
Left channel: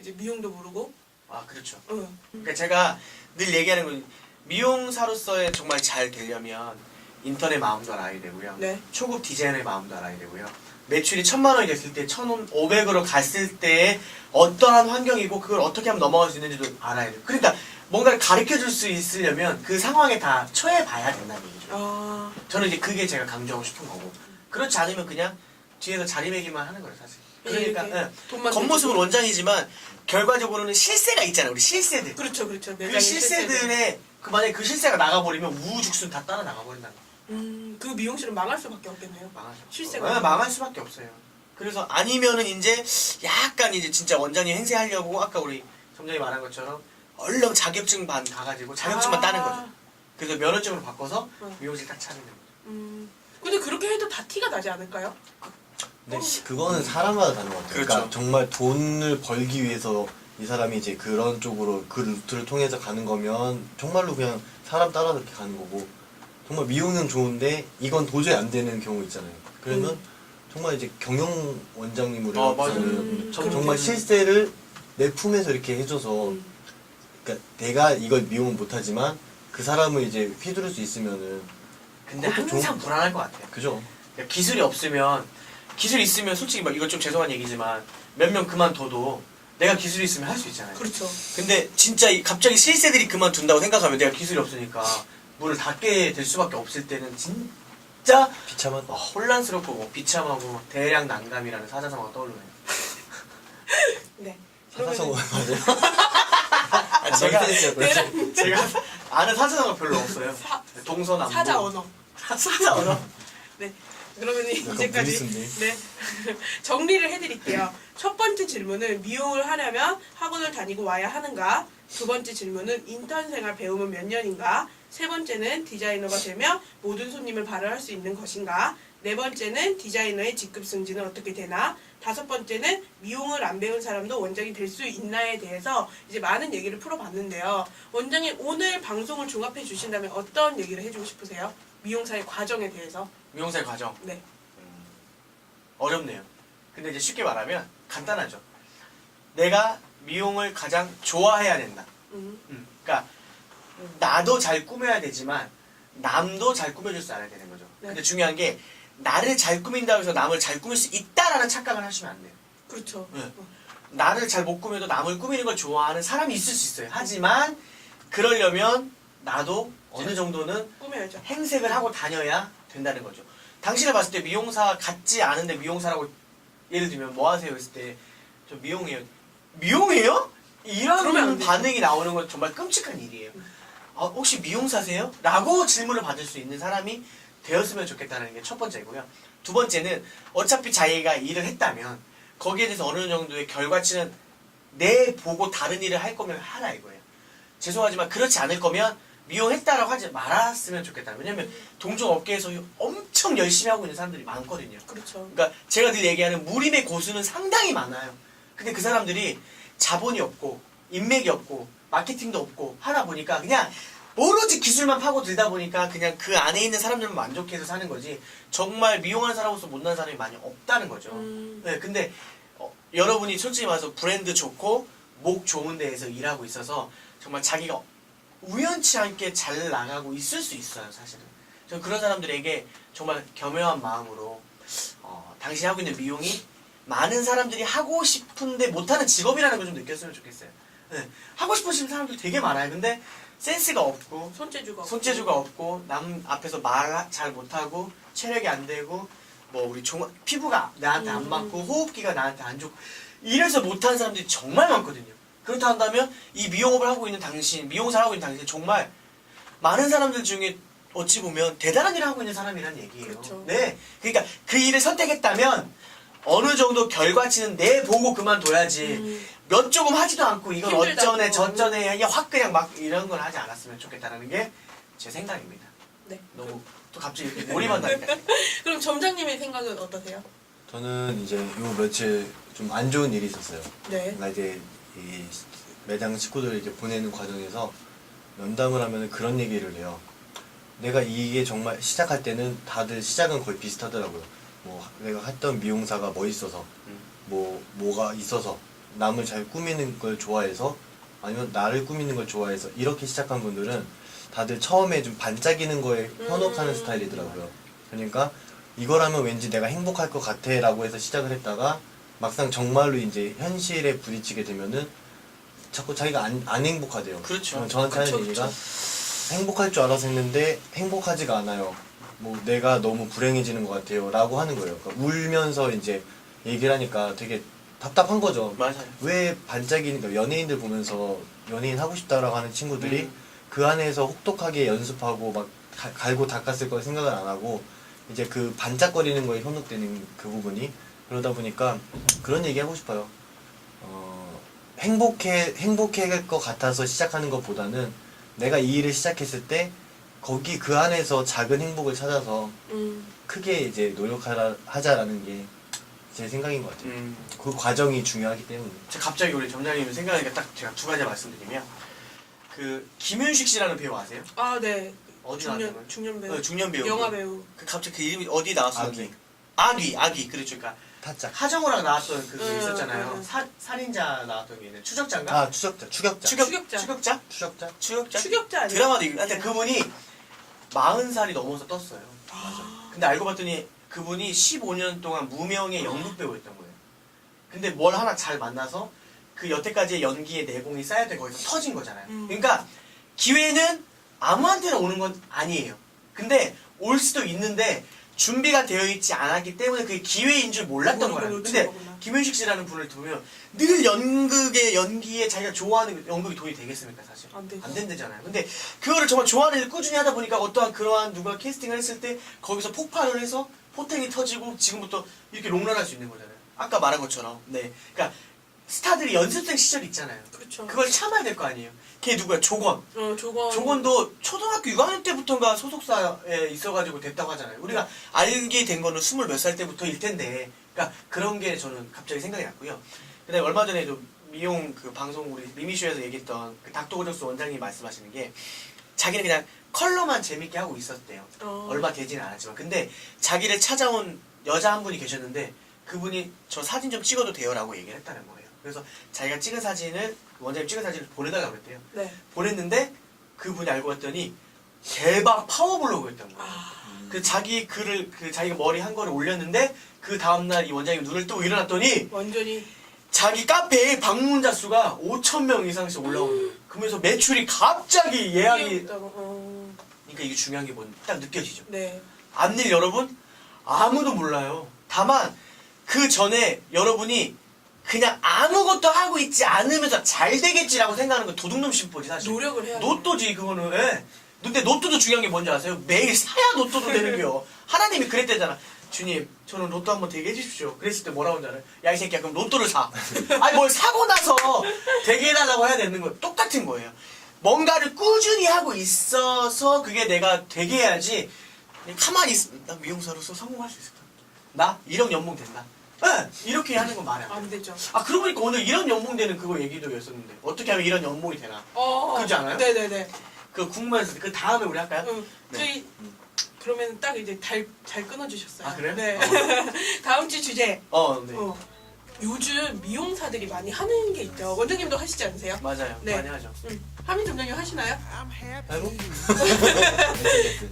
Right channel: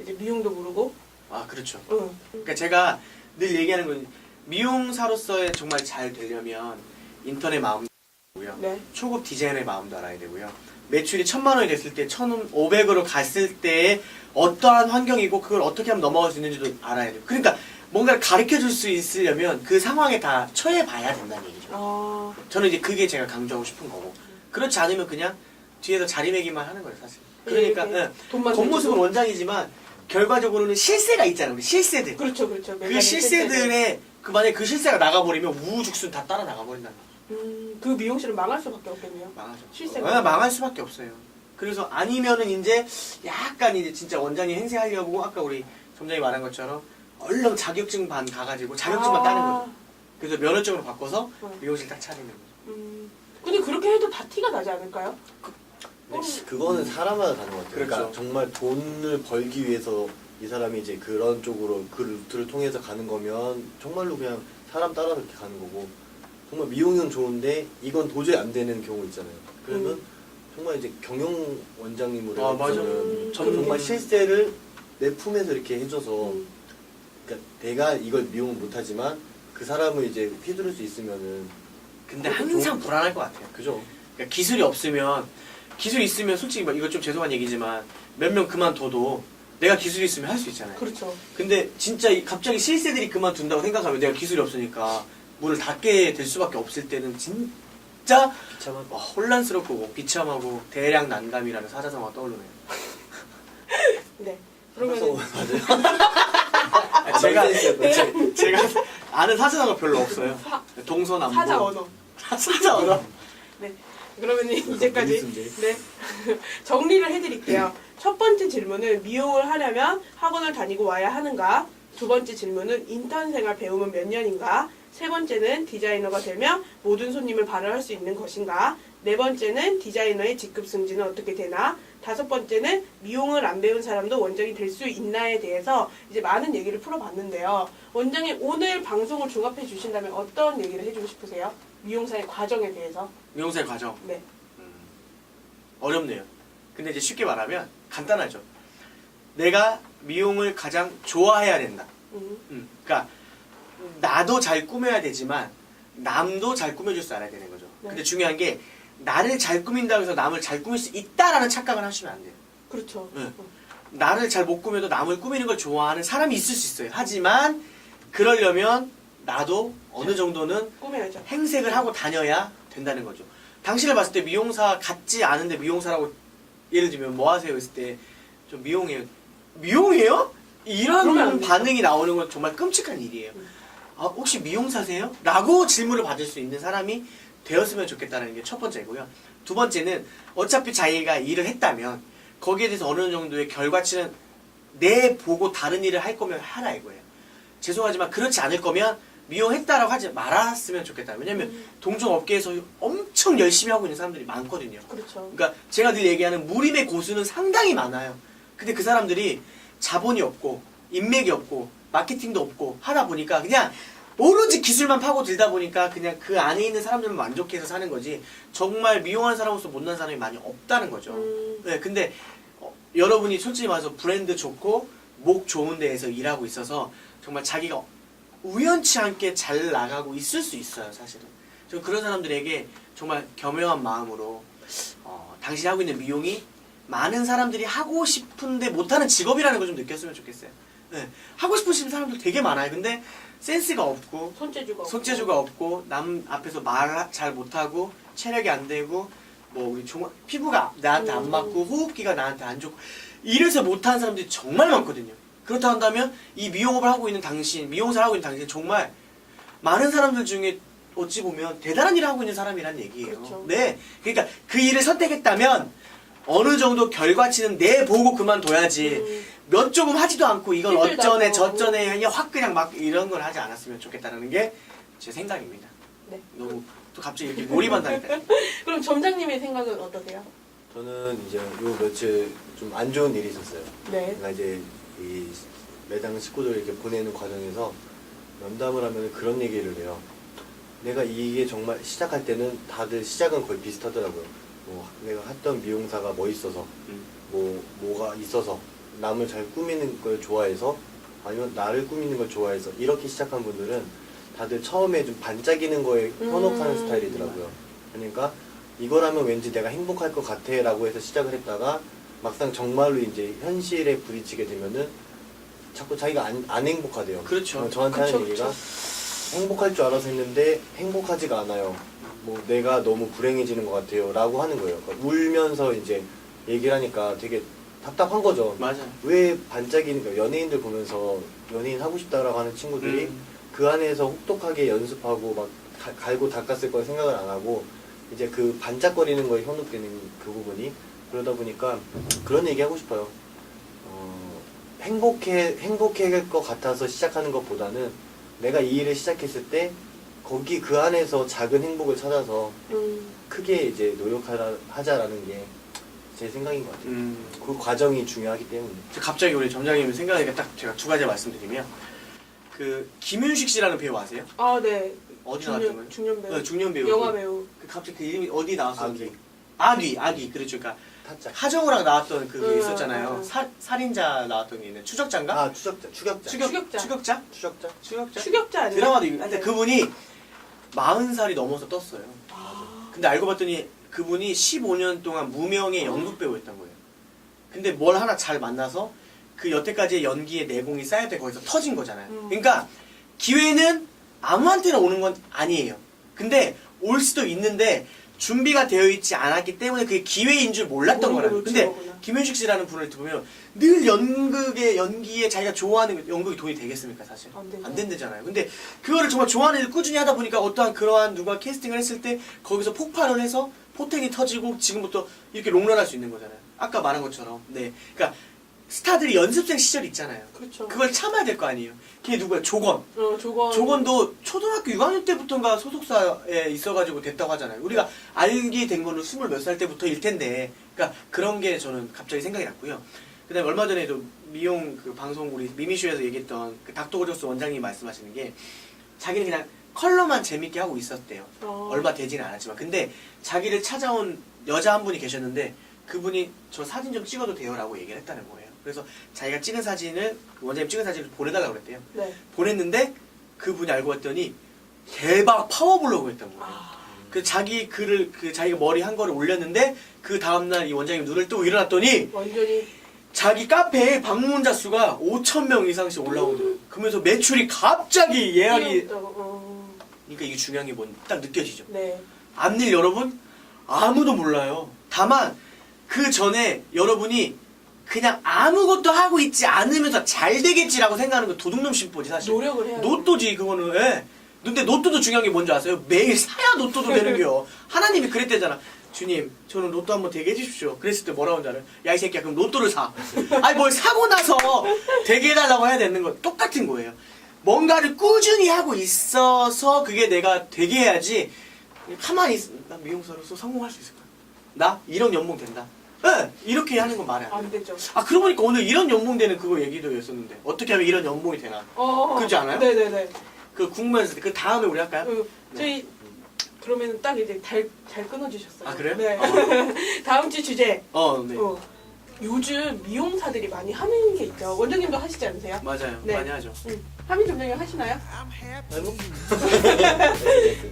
이제 미용도 모르고. 아 그렇죠. 응. 그러니까 제가 늘 얘기하는 건 미용사로서의 정말 잘 되려면 인턴의 마음도 알아야 되고요. 네. 초급 디자이너의 마음도 알아야 되고요. 매출이 1,000만 원이 됐을 때 1,500으로 갔을 때 어떠한 환경이고 그걸 어떻게 하면 넘어갈 수 있는지도 알아야 돼요. 그러니까 뭔가를 가르쳐 줄 수 있으려면 그 상황에 다 처해 봐야 된다는 얘기죠. 아, 저는 이제 그게 제가 강조하고 싶은 거고. 그렇지 않으면 그냥 뒤에서 자리매기만 하는 거예요, 사실. 그러니까 예. 돈만 겉모습은 내고. 원장이지만 결과적으로는 실세가 있잖아요, 우리 실세들. 그렇죠, 그렇죠. 그 실세들의 만약에 그 실세가 나가버리면 우후죽순 다 따라 나가버린다는 거예요. 그 미용실은 망할 수밖에 없겠네요. 망하죠. 실세가. 네, 망할 수밖에 없어요. 그래서 아니면은 이제 약간 이제 진짜 원장님 행세하려고 아까 우리 점장이 말한 것처럼 얼른 자격증 반 가가지고 자격증만 따는 거죠. 그래서 면허증으로 바꿔서 미용실 딱 차리는 거죠. 근데 그렇게 해도 다 티가 나지 않을까요? 근데 그거는 사람마다 다른 것 같아요. 그렇죠. 그러니까 정말 돈을 벌기 위해서 이 사람이 이제 그런 쪽으로 그 루트를 통해서 가는 거면 정말로 그냥 사람 따라 그렇게 가는 거고 정말 미용은 좋은데 이건 도저히 안 되는 경우 있잖아요. 그러면 정말 이제 경영 원장님으로 아, 맞아요. 정말 실세를 내 품에서 이렇게 해줘서 그러니까 내가 이걸 미용은 못하지만 그 사람을 이제 휘두를 수 있으면은 근데 그것도 항상 좋은- 불안할 것 같아요. 그죠? 그러니까 기술이 없으면 기술이 있으면 솔직히 막 이거 좀 죄송한 얘기지만 몇 명 그만둬도 내가 기술이 있으면 할 수 있잖아요. 그렇죠. 근데 진짜 갑자기 실세들이 그만둔다고 생각하면 내가 기술이 없으니까 문을 닫게 될 수밖에 없을 때는 진짜 비참한 혼란스럽고 비참하고 대량 난감이라는 사자성어가 떠오르네요. 네. 사서 그러면 맞아요. 제가 아는 사자성어 별로 없어요. 동서남북. 사자 언어. 사자 언어. 네. 그러면 이제까지 네. 정리를 해드릴게요. 첫 번째 질문은 미용을 하려면 학원을 다니고 와야 하는가? 두 번째 질문은 인턴 생활 배우면 몇 년인가? 세 번째는 디자이너가 되면 모든 손님을 발휘할 수 있는 것인가? 네 번째는 디자이너의 직급 승진은 어떻게 되나? 다섯 번째는 미용을 안 배운 사람도 원장이 될 수 있나에 대해서 이제 많은 얘기를 풀어봤는데요. 원장님 오늘 방송을 종합해 주신다면 어떤 얘기를 해주고 싶으세요? 미용사의 과정에 대해서. 미용사의 과정. 네. 어렵네요. 근데 이제 쉽게 말하면 간단하죠. 내가 미용을 가장 좋아해야 된다. 그러니까 나도 잘 꾸며야 되지만 남도 잘 꾸며줄 줄 알아야 되는 거죠. 네. 근데 중요한 게 나를 잘 꾸민다고 해서 남을 잘 꾸밀 수 있다라는 착각을 하시면 안 돼요. 그렇죠. 네. 나를 잘 못 꾸며도 남을 꾸미는 걸 좋아하는 사람이 있을 수 있어요. 하지만 그러려면 나도 어느 정도는 꾸며야죠. 행색을 하고 다녀야 된다는 거죠. 당신을 봤을 때 미용사 같지 않은데 미용사라고 예를 들면 뭐 하세요? 했을 때 저 미용해요. 미용해요? 그러면 안 이런 되죠. 반응이 나오는 건 정말 끔찍한 일이에요. 아, 혹시 미용사세요? 라고 질문을 받을 수 있는 사람이 되었으면 좋겠다는 게 첫 번째고요. 두 번째는 어차피 자기가 일을 했다면 거기에 대해서 어느 정도의 결과치는 내 보고 다른 일을 할 거면 하라 이거예요. 죄송하지만 그렇지 않을 거면 미용했다라고 하지 말았으면 좋겠다. 왜냐면 동종 업계에서 엄청 열심히 하고 있는 사람들이 많거든요. 그렇죠. 그러니까 제가 늘 얘기하는 무림의 고수는 상당히 많아요. 근데 그 사람들이 자본이 없고 인맥이 없고 마케팅도 없고 하다 보니까 그냥 오로지 기술만 파고 들다 보니까 그냥 그 안에 있는 사람들만 만족해서 사는 거지 정말 미용하는 사람으로서 못난 사람이 많이 없다는 거죠. 네, 근데 여러분이 솔직히 말해서 브랜드 좋고 목 좋은 데에서 일하고 있어서 정말 자기가 우연치 않게 잘 나가고 있을 수 있어요, 사실은. 저 그런 사람들에게 정말 겸허한 마음으로 당신이 하고 있는 미용이 많은 사람들이 하고 싶은데 못하는 직업이라는 걸 좀 느꼈으면 좋겠어요. 네, 하고 싶으신 사람들 되게 많아요. 근데 센스가 없고 손재주가 없고 남 앞에서 말 잘 못하고 체력이 안 되고 뭐 우리 피부가 나한테 안 맞고 호흡기가 나한테 안 좋고 이래서 못하는 사람들이 정말 많거든요. 그렇다 한다면 이 미용업을 하고 있는 당신, 미용사를 하고 있는 당신 정말 많은 사람들 중에 어찌 보면 대단한 일을 하고 있는 사람이란 얘기예요. 그렇죠. 네, 그러니까 그 일을 선택했다면 어느 정도 결과치는 내 보고 그만둬야지 몇 조금 하지도 않고 이건 힘들다고. 어쩌네 저쩌네 그냥 확 그냥 막 이런 걸 하지 않았으면 좋겠다는 게 제 생각입니다. 네. 너무 또 갑자기 이렇게 몰입한다니까. 그럼 점장님의 생각은 어떠세요? 저는 이제 요 며칠 좀 안 좋은 일이 있었어요. 네. 제가 이제 이 매장 식구들 이렇게 보내는 과정에서 면담을 하면 그런 얘기를 해요. 내가 이게 정말 시작할 때는 다들 시작은 거의 비슷하더라고요. 뭐 내가 했던 미용사가 멋있어서, 뭐가 있어서, 남을 잘 꾸미는 걸 좋아해서, 아니면 나를 꾸미는 걸 좋아해서 이렇게 시작한 분들은 다들 처음에 좀 반짝이는 거에 현혹하는 스타일이더라고요. 그러니까 이걸 하면 왠지 내가 행복할 것 같아 라고 해서 시작을 했다가 막상 정말로 이제 현실에 부딪히게 되면은 자꾸 자기가 안 행복하대요. 그렇죠. 저한테 하는 그쵸, 얘기가 행복할 줄 알아서 했는데 행복하지가 않아요. 뭐 내가 너무 불행해지는 것 같아요 라고 하는 거예요. 그러니까 울면서 이제 얘기를 하니까 되게 답답한 거죠. 맞아요. 왜 반짝이니까 연예인들 보면서 연예인 하고 싶다라고 하는 친구들이 그 안에서 혹독하게 연습하고 막 갈고 닦았을 거 생각을 안 하고 이제 그 반짝거리는 거에 현혹되는 그 부분이 그러다 보니까 그런 얘기 하고 싶어요. 행복할 것 같아서 시작하는 것보다는 내가 이 일을 시작했을 때 거기 그 안에서 작은 행복을 찾아서 크게 이제 노력하자라는 게 제 생각인 것 같아요. 그 과정이 중요하기 때문에. 제가 갑자기 우리 점장님 생각하니까 딱 제가 두 가지 말씀드리면 그 김윤식 씨라는 배우 아세요? 아, 네. 어디 나왔던 거예요? 중년 배우. 중년 배우. 영화 배우. 그 갑자기 그 이름이 어디 나왔었는데? 아귀. 아귀. 그렇죠. 그러니까 타짜. 하정우랑 나왔던 그게 있었잖아요. 음. 살인자 나왔던 게 있는데 추적자인가? 아 추적자. 추격자. 추격자? 아니에요? 드라마도 있고 근데 그분이 40살이 넘어서 떴어요. 근데 알고 봤더니 그분이 15년 동안 무명의 연극 배우였던 거예요. 근데 뭘 하나 잘 만나서 그 여태까지의 연기의 내공이 쌓여서 거기서 터진 거잖아요. 그러니까 기회는 아무한테나 오는 건 아니에요. 근데 올 수도 있는데 준비가 되어 있지 않았기 때문에 그게 기회인 줄 몰랐던 거예요. 근데 김윤식 씨라는 분을 보면 늘 연기에 자기가 좋아하는 연극이 도움이 되겠습니까 사실? 안 된다잖아요. 근데 그거를 정말 좋아하는 일을 꾸준히 하다 보니까 어떠한 그러한 누가 캐스팅을 했을 때 거기서 폭발을 해서 포텐이 터지고 지금부터 이렇게 롱런할 수 있는 거잖아요. 아까 말한 것처럼. 네. 그러니까 스타들이 연습생 시절 있잖아요. 그렇죠. 그걸 참아야 될 거 아니에요. 걔 누구야? 조건. 조건. 조건도 초등학교 6학년 때부터인가 소속사에 있어가지고 됐다고 하잖아요. 우리가 알게 된 거는 20몇 살 때부터일 텐데, 그러니까 그런 게 저는 갑자기 생각이 났고요. 그다음에 얼마 전에도 미용 그 방송 우리 미미쇼에서 얘기했던 그 닥터고정수 원장님 말씀하시는 게 자기는 그냥 컬러만 재밌게 하고 있었대요. 얼마 되지는 않았지만. 근데 자기를 찾아온 여자 한 분이 계셨는데 그분이 저 사진 좀 찍어도 돼요라고 얘기를 했다는 거예요. 그래서 자기가 찍은 사진을 원장님 찍은 사진을 보내달라고 그랬대요. 네. 보냈는데 그분이 알고 봤더니 대박 파워블로그였던 거예요. 그 자기 글을 그 자기가 머리 한 거를 올렸는데 그 다음날 이 원장님 눈을 뜨고 일어났더니 완전히 자기 카페에 방문자 수가 5,000명 이상씩 올라오는 거예요. 그러면서 매출이 갑자기 예약이 그러니까 이게 중요한 게 뭔지 딱 느껴지죠. 네. 앞일 여러분 아무도 몰라요. 다만 그 전에 여러분이 그냥 아무것도 하고 있지 않으면서 잘 되겠지라고 생각하는 거 도둑놈 심보지 사실. 노력을 해야 돼. 노또지 그거는. 예. 근데 노또도 중요한 게 뭔지 아세요? 매일 사야 노또도 되는겨. 하나님이 그랬대잖아. 주님, 저는 로또 한번 되게 해주십시오. 그랬을 때 뭐라고 하잖아요. 야, 이 새끼야, 그럼 로또를 사. 아니, 뭘 사고 나서 되게 해달라고 해야 되는 거 똑같은 거예요. 뭔가를 꾸준히 하고 있어서 그게 내가 되게 해야지. 그냥 가만히 있으면, 나 미용사로서 성공할 수 있을까? 나? 이런 연봉 된다? 응! 이렇게 하는 거 말이 안 돼. 안 되죠. 아, 그러고 보니까 오늘 이런 연봉 되는 그거 얘기도 했었는데. 어떻게 하면 이런 연봉이 되나? 그렇지 않아요? 네네네. 그 궁금해서 그 다음에 우리 할까요? 저희 그러면 딱 이제 잘 끊어주셨어요. 아, 그래요? 네. 다음 주 주제. 네. 요즘 미용사들이 많이 하는 게 있죠. 원장님도 하시지 않으세요? 맞아요. 네. 많이 하죠. 하민 점장님 하시나요? 아이고.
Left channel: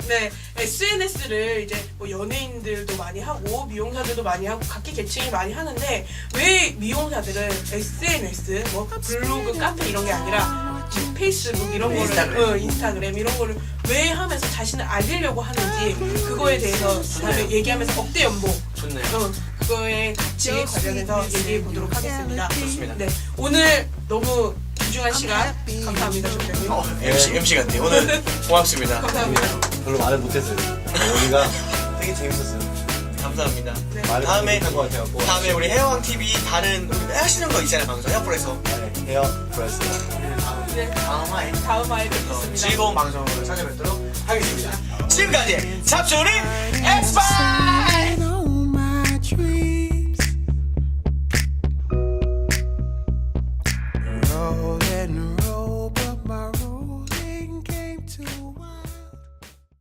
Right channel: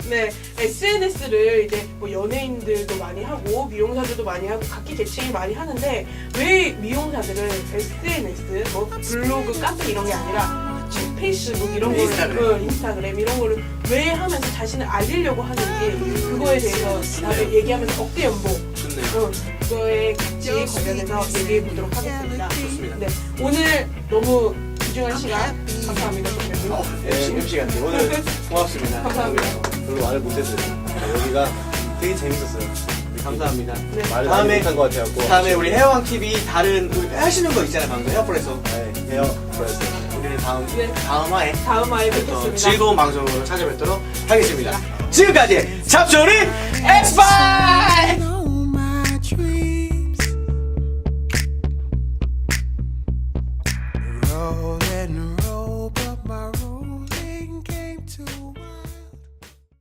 네. SNS를 이제 뭐 연예인들도 많이 하고 미용사들도 많이 하고 각기 계층이 많이 하는데 왜 미용사들은 SNS, 뭐 블로그, 카페 이런 게 아니라 페이스북 이런 거를 인스타그램 이런 거를 왜 하면서 자신을 알리려고 하는지 그거에 대해서 다들 얘기하면서 억대 연봉 좋네요. 그거에 같이 관련해서 얘기해 보도록 하겠습니다. 좋습니다. 네. 오늘 너무 귀중한 시간 감사합니다. MC 같네요. 오늘 고맙습니다. 감사합니다. 별로 말을 못했어요. 여기가 되게 재밌었어요. 감사합니다. 네. 말을 다음에 안 못한 것 같아요. 다음에 우리 헤어왕 TV 다른 하시는 거 있잖아요. 방송 헤어프로에서. 네, 헤어 브라이스. 우리는 네. 다음 화에 다음 화에 또 뵙겠습니다. 즐거운 방송으로 찾아뵙도록 하겠습니다. 지금까지 잡초린 엑스파이!